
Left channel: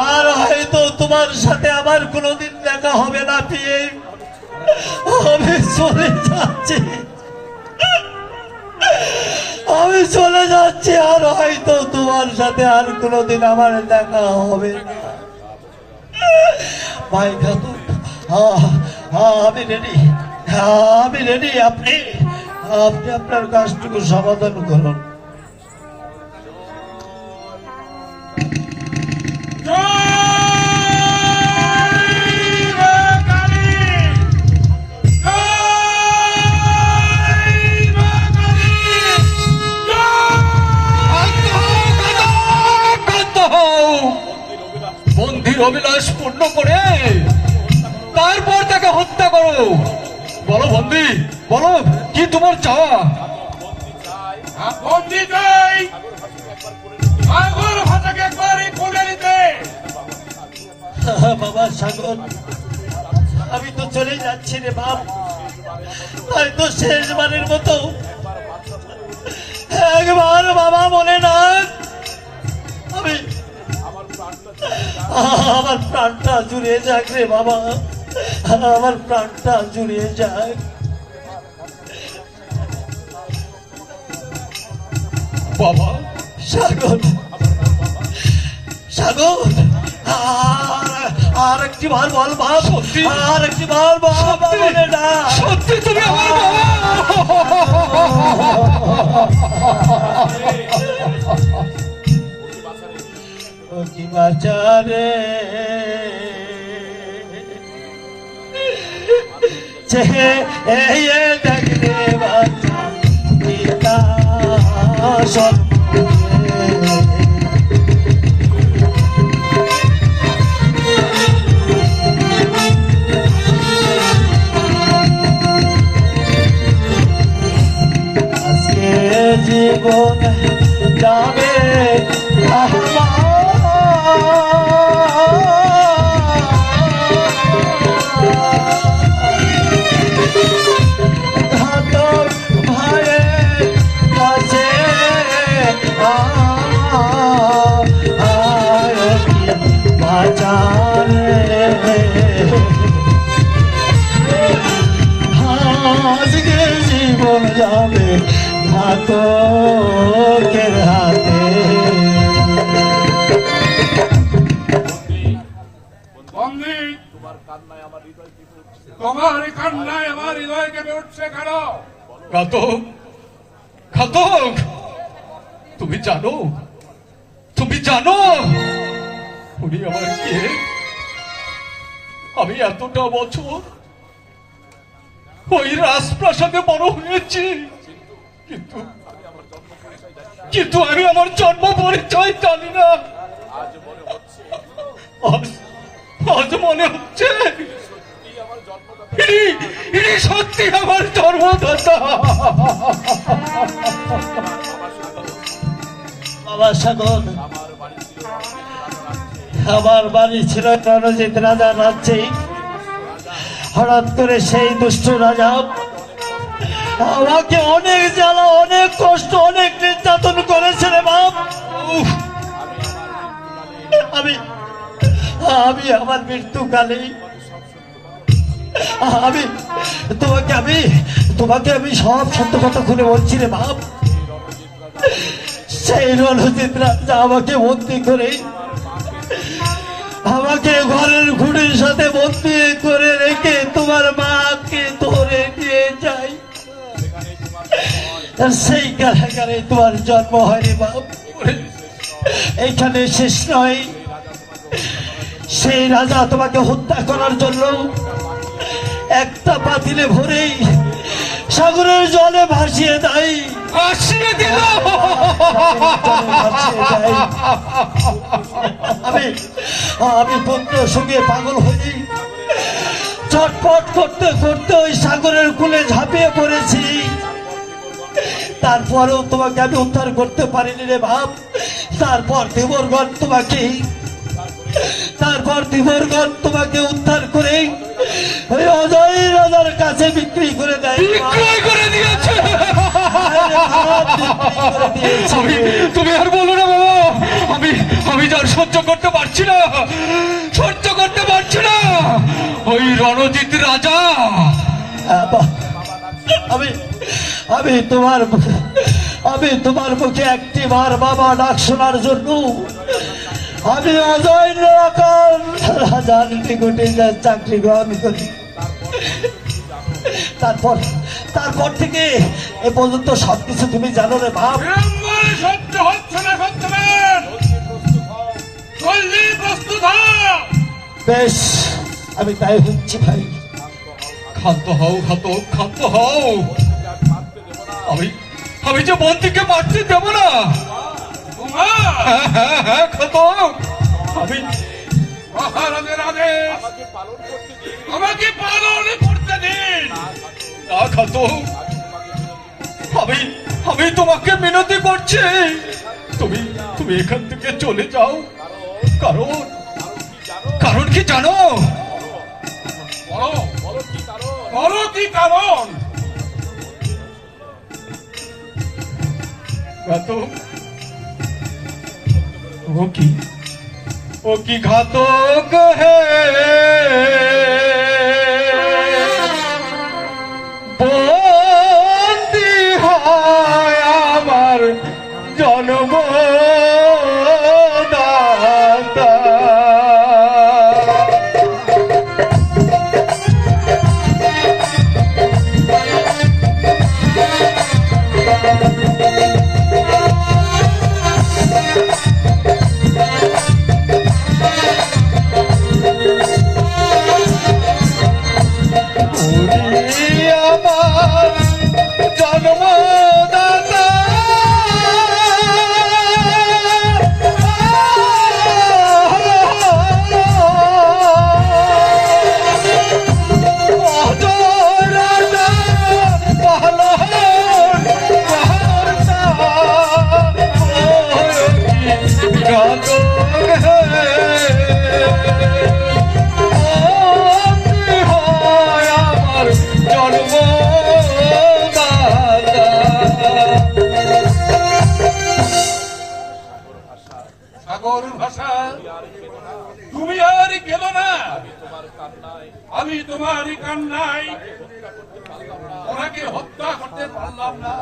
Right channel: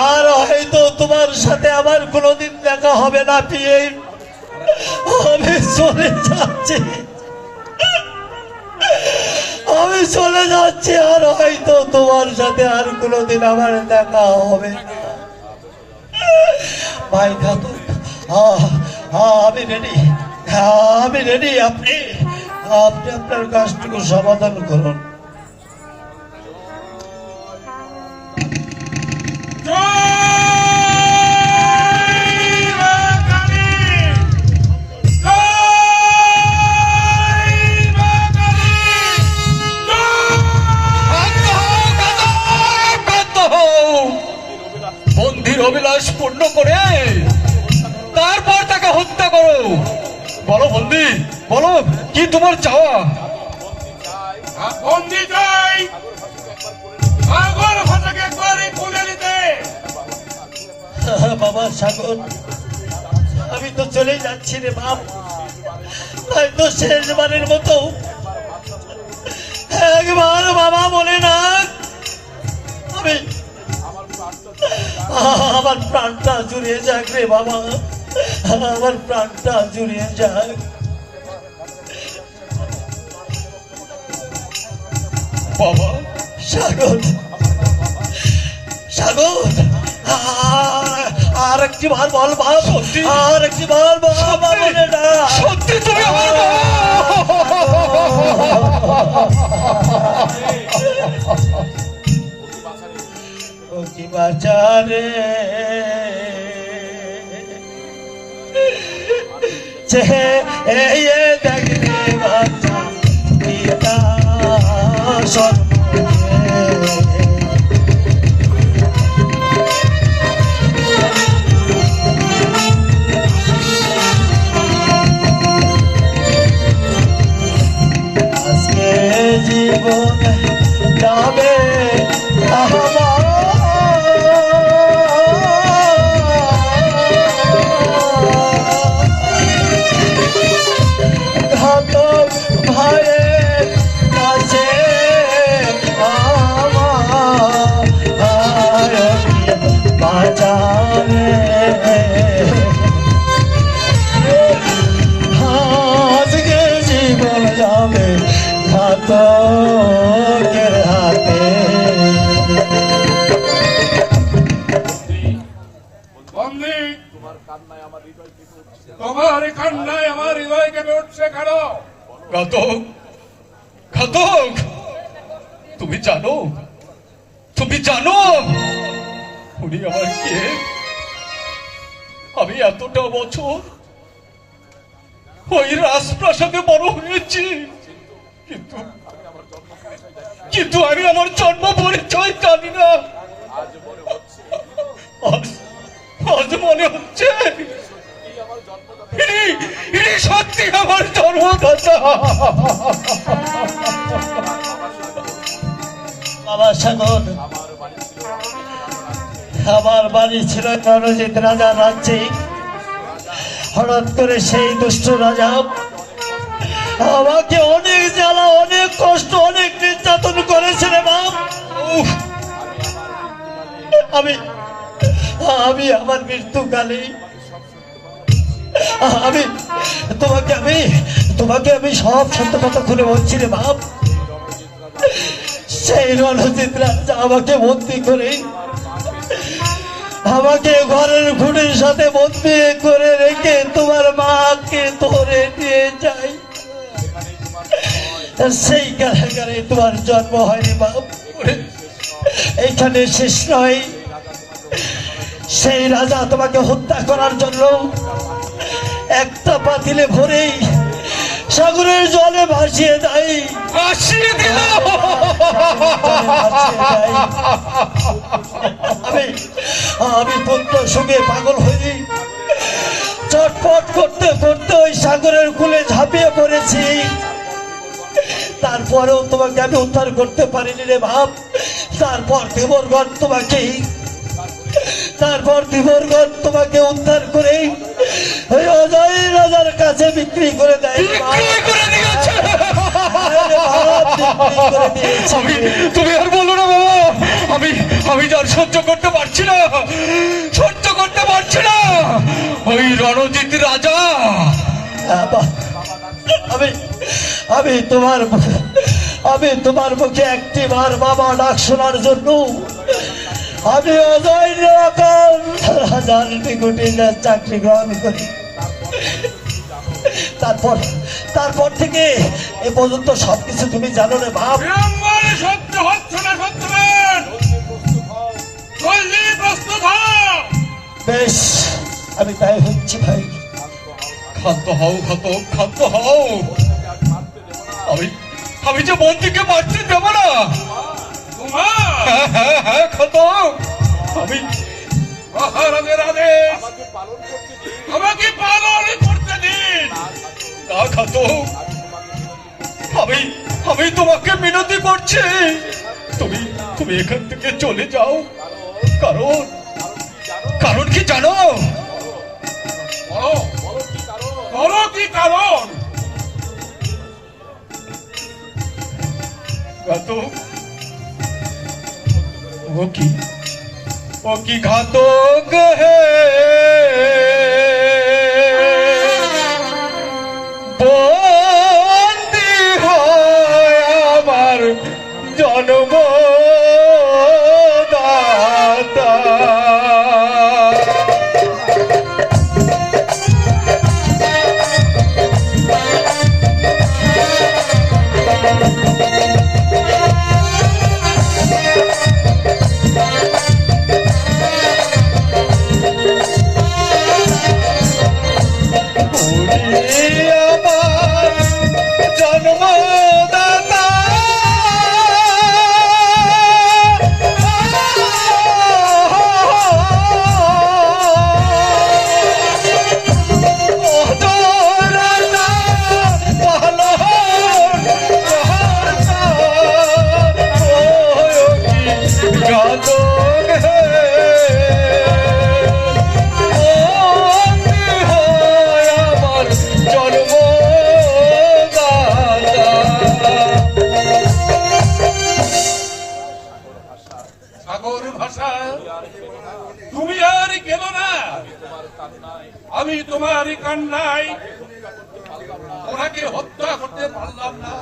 আর হয়তো তোমার সাথে আমার কোনোদিন দেখা হবে না প্রিয়ে। আমি চলে যাচ্ছি, আমি চলে যাচ্ছি, আর হয়তো তোমার সাথে আর কোনোদিন আমার দেখা হবে না ভাই ঘাতক। আমি রেডি, আমি রেডি। আপনি আপনি আপনার কাজটুকু সমাধান করুন। বন্দির অভিলাষ পূর্ণ করে তারপর তাকে হত্যা করো। বলো বন্দি, বলো কি তোমার চাওয়া? বন্দি চাই সাগর ভাষাকে একবারই খুলে দিতে। বাবা সাগর, আমি তো চলে যাচ্ছি রে বাপ, হয়তো শেষবারের মতো একবার বাবা বলে না, আমি আমার প্রাণটা জুড়িয়ে যাক রে বাবা, আমার প্রাণটা জুড়িয়ে যাক। বাবা, সাগর, সাগর, আর একটি বার বল বাপ, সত্যি? আর একটি বার বল বলে না। সত্যি তুমি আমার বাবা? কি বাজারে চেয়ে দেখতে বাজা পিতা সর্বে আজকে জীবন যাবে ঘাতক ভাইয়ের কাছে বাজারে আজকে জীবন যাবে ঘাতকের হাতে। বন্দী, তোমার কান্নায় আমার হৃদয় কেঁপে উঠছে কেন? ঘাতক, ঘাতক, তুমি জানো, তুমি জানো উনি আমার কে? আমি এতটা বছর ওই রাজপ্রাসাদে বড় হয়েছি, কিন্তু কিন্তু আমি আমার জন্ম পরিচয় জানি না। আজ মনে হচ্ছে ইনি সত্যি আমার জন্মদাতা। বাবা সাগর, আমার বাড়ি ছিল রণজিৎ রাজার রাজ্যে। হঠাৎ করে সেই দুষ্ট রাজা আমাকে অনেক জ্বালা, অনেক কষ্ট, অনেক নির্যাতন করেছে রে বাপ। আমি আমি আমার মৃত্যুকালে আমি তোমাকে আমি সব সত্য কথা খুলে বলছি রে বাপ। সেই রণজিৎ রাজা আমাকে বন্দি করে, আমাকে ঘরের খুঁড়ির সাথে বন্দি করে রেখে তোমার মাকে ধরে নিয়ে যায়। সেই কারাগারে তোমার জন্ম হয়নি বাপ। এইখানে শেষ নয়, সেই রাজা তোমাকে হত্যা করার জন্য একটা পাতিলে ভরেই সাগরের জলে ভাসিয়ে দেয়। ভাসিয়ে দিল। আমি পুত্র সুখে পাগল হয়ে ছটফট করতে করতে ওই সাগরের কূলে ঝাঁপিয়ে পড়েছি। তারপরেও তোমাকে আমি উদ্ধার করতে পারিনি রে বাপ। তারপর ধীবরগণ তোমাকে উদ্ধার করে ওই অজয় রাজার কাছে বিক্রি করে দেয়। বিক্রয় করে দিয়েছে। বিক্রি করে দিয়েছে। তুমি আর বলো না বাবা, আমি যার সহ্য করতে পারছি না, সহ্য করতে পারছি না। ওই রণজিৎ রাজা আমি তোমার মুখে একটি বার বাবা ডাক শোনার জন্য আমি অজয় রাজার নিকটে চাকরি গ্রহণ করি। তারপর থেকে এ পর্যন্ত সবকিছু তুমি জানো রে বাপ। বিড়ম্বনা সহ্য হচ্ছে না সত্যবান, জলদি প্রস্তুত হও। বেশ, আমি তাই হচ্ছি ভাই। ক্ষান্ত হও ঘাতক, ক্ষান্ত হও। আমি যে বন্দিকে মারতে দেব না। হ্যাঁ ঘাতক, আমি মহারাজের আদেশ আমাকে পালন করতে দিন। না ঘাতক, আমি তোমাকে মিনতি করছি, তুমি এখান থেকে চলে যাও। কারণ কি জানো? বলো। কারণ? ঘাতক ও কি ঘাতক হে বন্দী হয় আমার জন্মদাতা। আমার জন্মদাতা সাগর ভাষা তুমি আর গেল না, আমি তোমারই কান্নায় ওনাকে হত্যা করতে পারলাম না।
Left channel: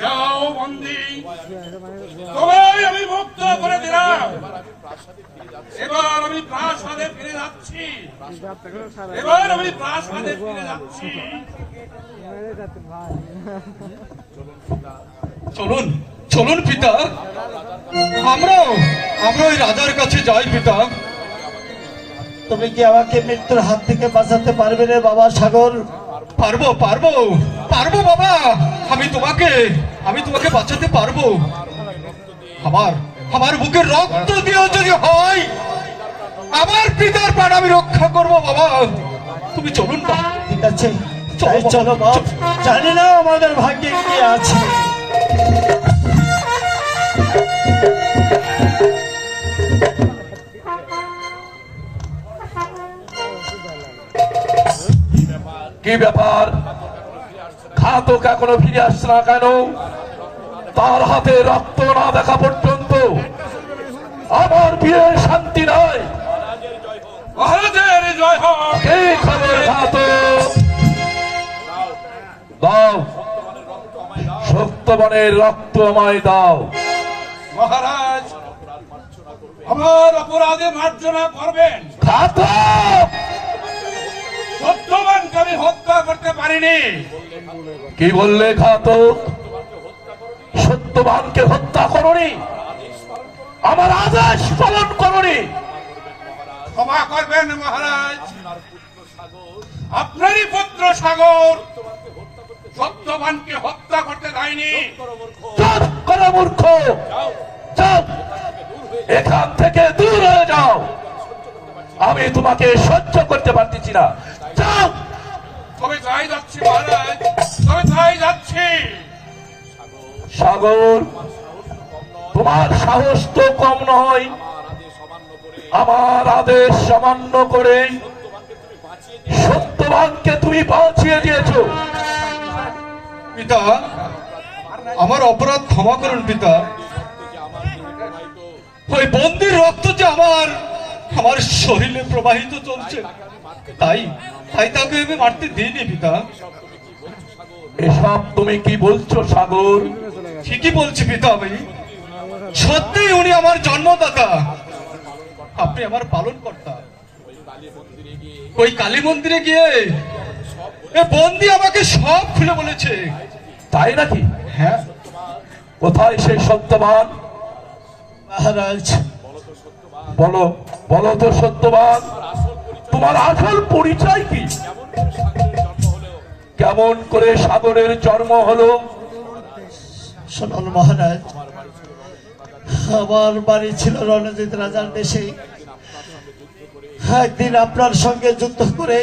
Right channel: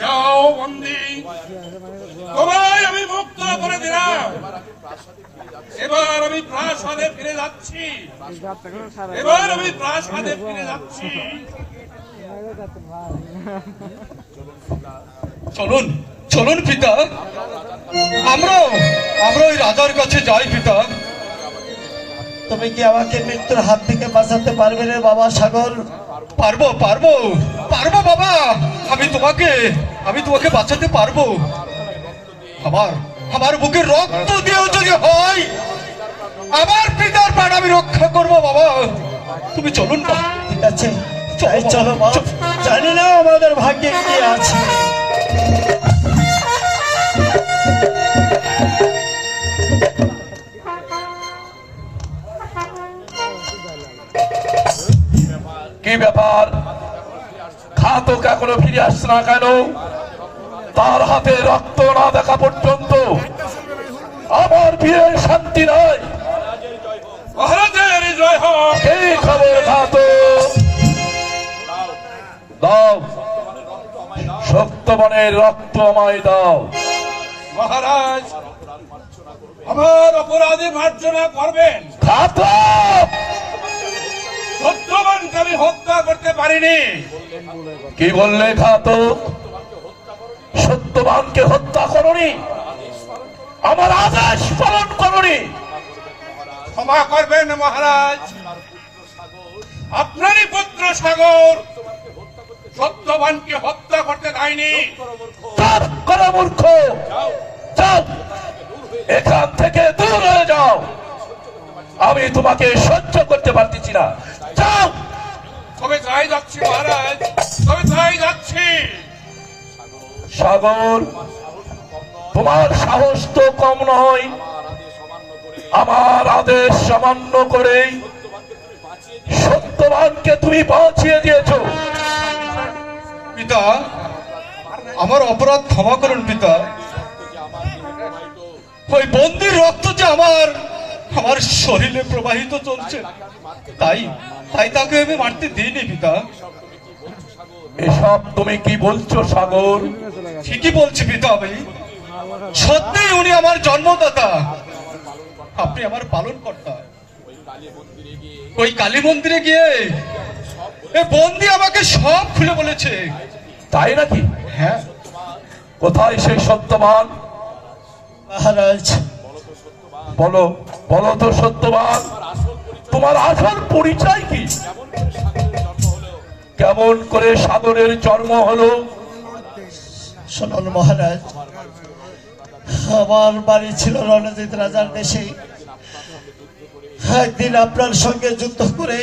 যাও বন্দি, তোমায় আমি মুক্ত করে দিলাম। এবার আমি প্রাসাদে ফিরে যাচ্ছি, এবার আমি প্রাসাদে ফিরে যাচ্ছি। চলুন চলুন পিতা, আমরা ওই রাজার কাছে যাই পিতা। তুমি কি আমাকে মৃত্যুর হাত থেকে বাঁচাতে পারবে রে বাবা সাগর? পারবো পারবো পারবো বাবা, আমি তোমাকে বাঁচাতে পারবো। আমার বুকের রক্ত দিয়েও যদি হয় আমার পিতার প্রাণ আমি রক্ষা করব বাবা। তুমি চলুন বাবা। ঠিক আছে, তাই চলো বাপ। জানি না আমাদের ভাগ্যে কি আছে। কি ব্যাপার? ঘাতক এখনো ফিরে আসছে না কেন? তার হাতে রক্ত না দেখা পর্যন্ত আমার বীরের শান্তি নাই। মহারাজের জয় হোক। কি খবর ঘাতক? দাও, সত্যবানের রক্ত আমায় দাও। মহারাজ, আমার অপরাধে মার্জনা করবেন। ঘাতক! সত্যবানকে আমি হত্যা করতে পারিনি। কি বললে ঘাতক? সত্যবানকে হত্যা করনি, আমার আদেশ পালন করনি। ক্ষমা করবেন মহারাজ, আপনারই পুত্র সাগর সত্যবানকে হত্যা করতে দেয়নি। চুপ করো মূর্খ! যাও, এখান থেকে দূর হয়ে যাও। আমি তোমাকে সহ্য করতে পারতেছি না। যাও। তবে তাই যাচ্ছি মহারাজ, তবে তাই যাচ্ছি। সাগর, তোমার সাহস তো কম নয়। আমার আদেশ সামান্য করে সত্যবানকে তুমি বাঁচিয়ে দিয়েছো। পিতা, আমার অপরাধ ক্ষমা করুন পিতা। ওই বন্দির রক্ত যে আমার শরীরে প্রবাহিত চলছে, তাই তাকে আমি মারতে দিইনি পিতা। এসব তুমি কি বলছো সাগর? ঠিকই বলছি পিতা, আমি সত্যি উনি আমার জন্মদাতা, আপনি আমার পালন কর্তা। ওই কালী মন্দিরে গিয়ে এ বন্দি আমাকে সব খুলে বলেছে। তাই নাকি? হ্যাঁ কোথায় সেই সত্যবান? মহারাজ, বলো, বলো তো সত্যবান, তোমার আসল পরিচয় কি? কেমন করে সাগরের জন্ম হলো? শুনুন মহারাজ, আমার বাড়ি ছিল রণজিৎ রাজার দেশে। একদিন আপনার সঙ্গে যুদ্ধ করে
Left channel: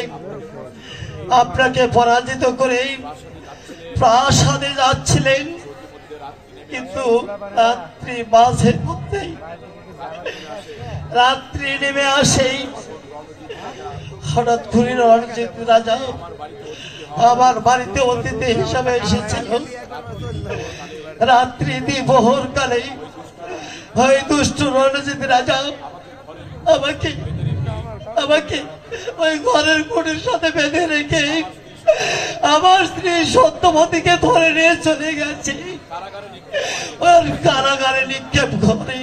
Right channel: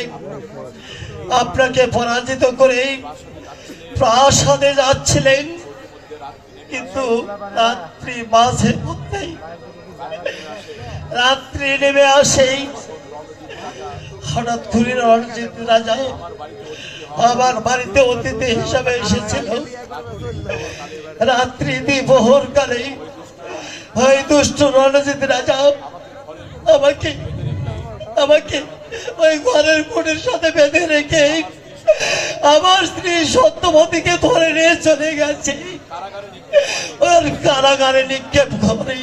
আপনাকে পরাজিত করে প্রাসাদে যাচ্ছিলেন, কিন্তু রাত্রি মাঝে মধ্যেই রাত্রি নেমে আসেই হঠাৎ করে রণজিৎ রাজা আমার বাড়িতে অতিথি হিসাবে এসেছিল। রাত্রি দ্বিপ্রহর কালে ওই দুষ্ট রণজিৎ রাজা আমাকে ওই ঘরের কোণের সাথে বেঁধে রেখে আমার স্ত্রী সত্যবতীকে ধরে নিয়ে চলে গেছে ওর কারাগারে নিক্ষেপ করে।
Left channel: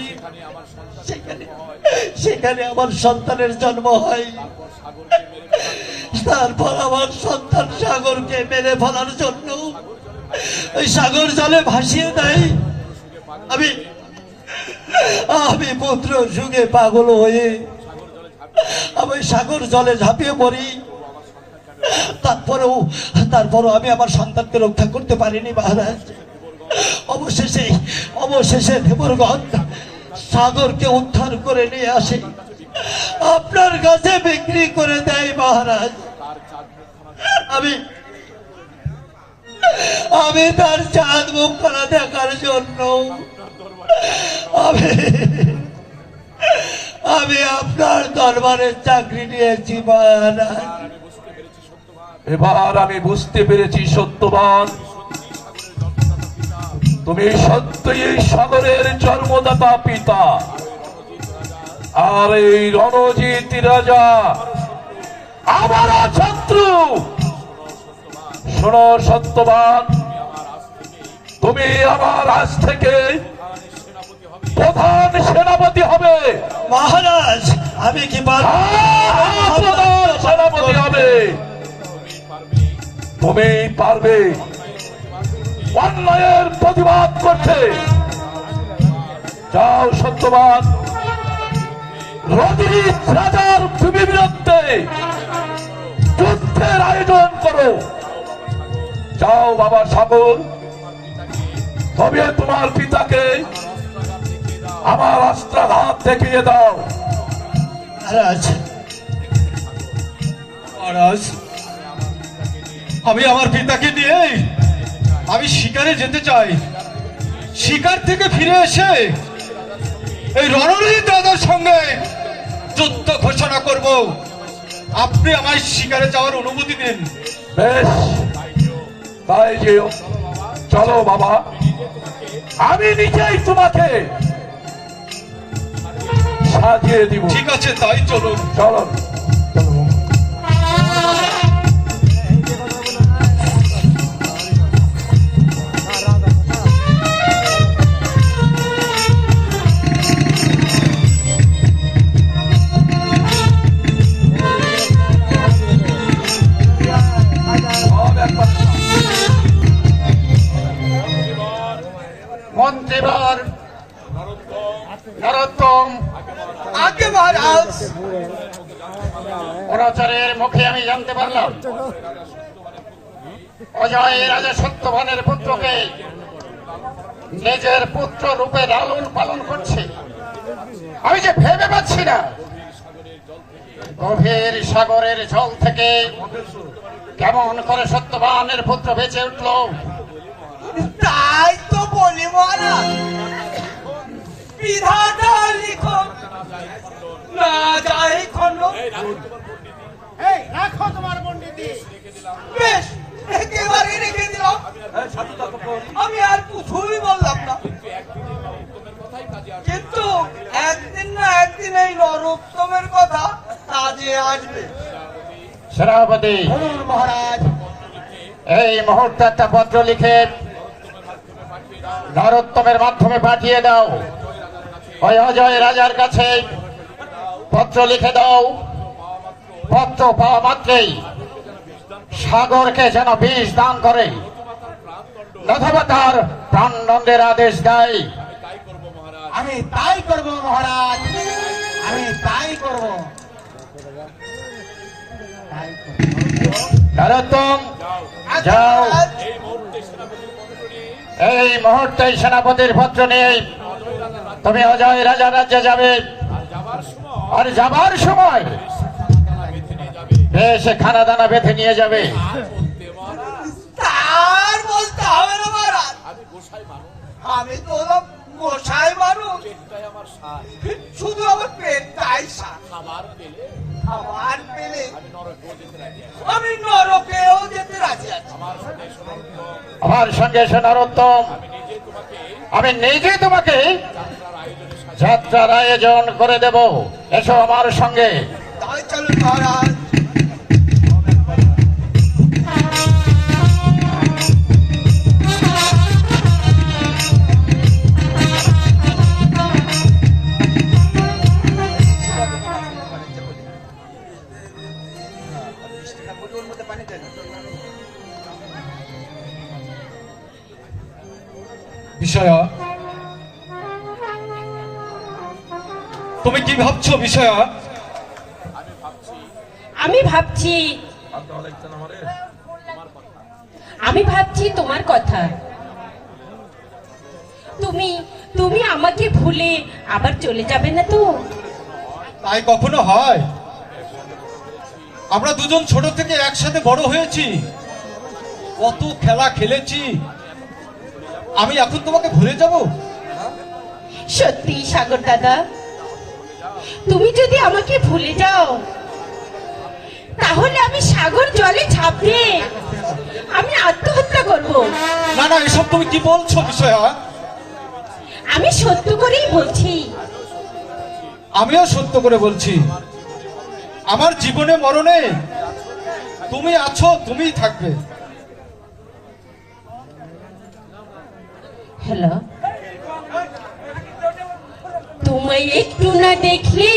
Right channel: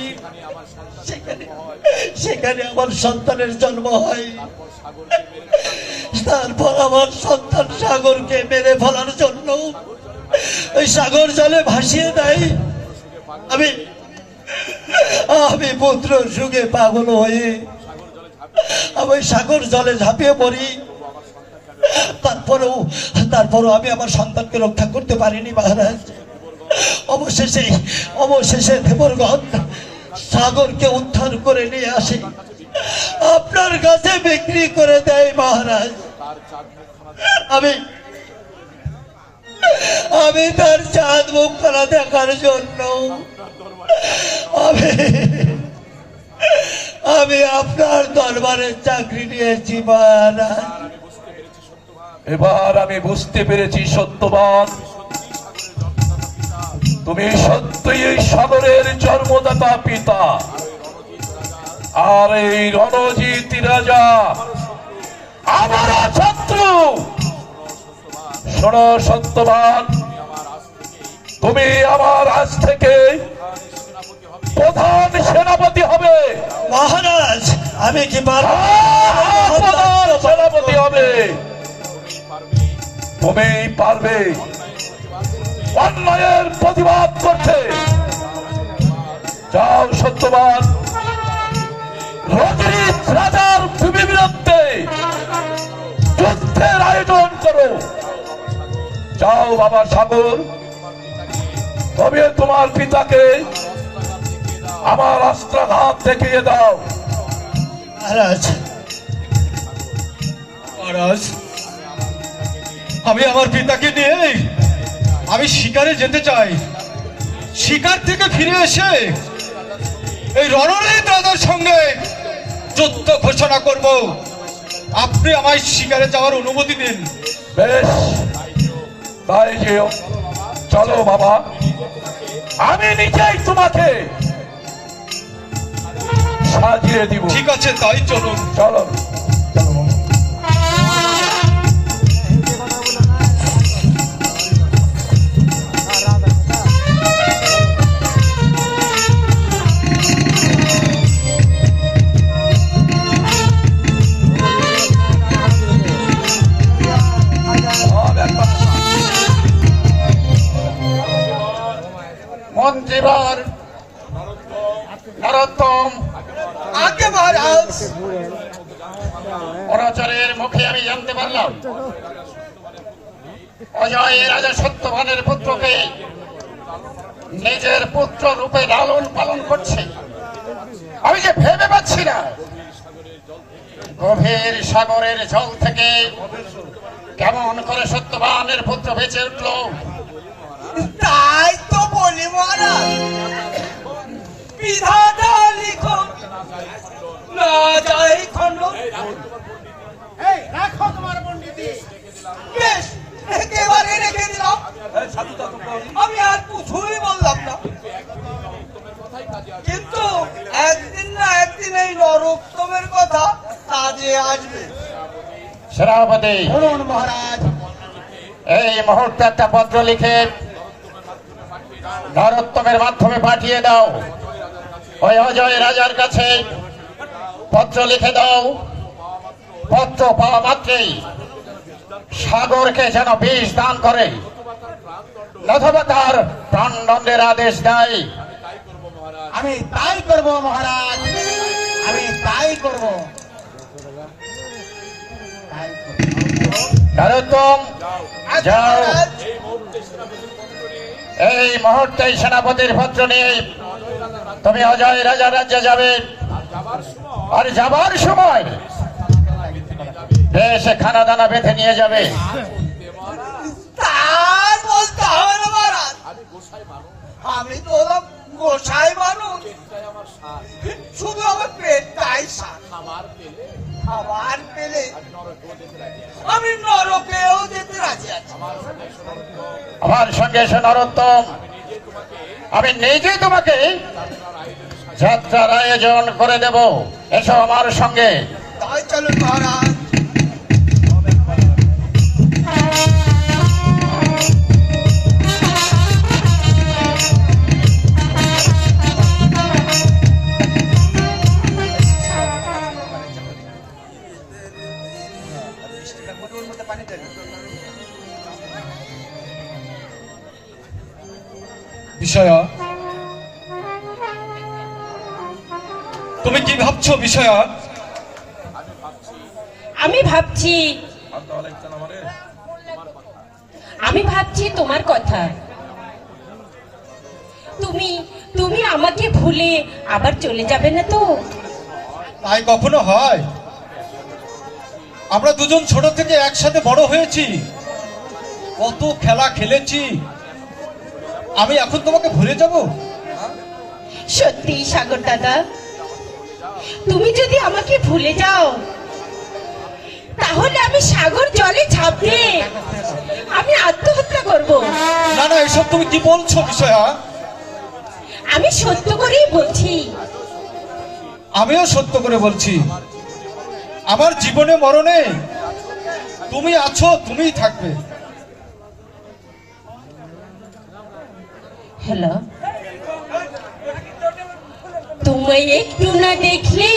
সেখানে আমার সন্তানের জন্ম হয়। তারপর আমার সন্তান সাগরকে মেরে ফেলার জন্য ওই সাগর জলে ভাসিয়ে দেয়। আমি পুত্র সুখে পাগল হয়ে আমি সাগর জলে ঝাঁপিয়ে পড়ি। তারপরও আমি আমার সন্তানকে রক্ষা করতে পারিনি মহারাজ। অবশেষে দেবরগণ সাগরকে উদ্ধার করে নিয়ে আসে, আপনার কাছে বিক্রি করে দেয় মহারাজ। আমি তার চাঁদ মুখখানা দেখার জন্য আমি আপনার দরবারে চাকরি নিয়েছি মহারাজ। এবার আমি বুঝতে পেরেছি সত্যবান, তুমি সত্যই এই সাগরের জন্মদাতা পিতা, আর এই রণজিৎ রাজা আমার শত্রু। শোনো সত্যবান, তুমি আমার আজ থেকে প্রধান সেনাপতি হবে। মহারাজ আমি কি প্রধান সেনাপতি হবে। তুমি পারবে অন্যায়ের প্রতিবাদ করতে। যাও সত্যবান, রণজিৎ রাজার বিরুদ্ধে যুদ্ধের আয়োজন করো। যাও বাবা সাগর, তবে তোমার পিতাকে আমার অস্ত্রাঘাত দেখিয়ে দাও। মহারাজ আমি আমার পিতাকে নিয়ে আমি শিকারে যেতে চাই। শিকার থেকে ফিরে এসে এই রণজিৎ রাজার সঙ্গে যুদ্ধ ঘোষণা করব। আপনি আমায় শিকারে যাওয়ার অনুমতি দিন। বেশ, তাই যেও। চলো বাবা, আমি নিজেই তোমাকে সাজিয়ে দিব। ঠিক আছে, তাই চলুন। চলো। মন্ত্রীবর নরোত্তম, আগে মহারাজ অনাচারের মুখে আমি জানতে পারলাম অজয় রাজা সত্যবানের পুত্রকে নিজের পুত্র রূপে লালন পালন করছে। আমি যে ভেবে পাচ্ছি না, গভীর সাগরের জল থেকে কেমন করে সত্যবানের পুত্র বেঁচে উঠল। তাই তো বলি মহারাজ, বিধাতা লিখো না যায় খন্ড। রাখো তোমার পণ্ডিতি। বেশ, একেবারে রেখে দিলাম। আমি আর কিছুই বললাম না, কিন্তু একদিন না একদিন এই নরোত্তমের কথা কাজে আসবে। সেনাপতি, বলুন মহারাজ। এই মুহূর্তে একটা পত্র লিখে নরোত্তমের মাধ্যমে পাঠিয়ে দাও। ওই অজয় রাজার কাছে পত্র লিখে দাও। পত্র পাওয়া মাত্রই সাগরকে যেন বিষ দান করে, অথবা তার প্রাণদণ্ডের আদেশ দেয়। আমি তাই করব মহারাজ, আমি তাই করব। নরোত্তম, যাও। এই মুহূর্তে সেনাপতির পত্র নিয়ে তুমি অজয় রাজার রাজ্যে যাবে। আর যাবার সময় বেশ খানা দানা বেঁধে নিয়ে যাবে। তার বলতে হবে না মহারাজ, আমি তো গোসাই মানুষ, শুধু আমার পেটটাই সার। খাবার পেলে আমি নরকেও যেতে রাজি আছি। আমার সঙ্গে এসে নরোত্তম, আমি নিজে তোমাকে যাত্রার আয়োজন করে দেব। এসো আমার সঙ্গে। তাই চলো মহারাজ। বিষয়া, তুমি কি ভাবছো বিষয়া? আমি ভাবছি তোমার কথা। তুমি আমাকে ভুলে আবার চলে যাবে না তো? তাই কখনো হয়? আমরা দুজন ছোট থেকে একসাথে বড় হয়েছি, কত খেলা খেলেছি, আমি এখন তোমাকে ভুলে যাব? সত্যি সাগর দাদা, তুমি যদি আমাকে ভুলে যাও তাহলে আমি সাগর জলে ঝাঁপ দিয়ে আমি আত্মহত্যা করব। না না, এসব তুমি কি বলছো বিষয়া? আমি সত্য করেই বলছি। আমিও সত্য করে বলছি, আমার জীবনে মরণে তুমি আছো, তুমিই থাকবে। হ্যালো, তোমায় একটু না দেখলে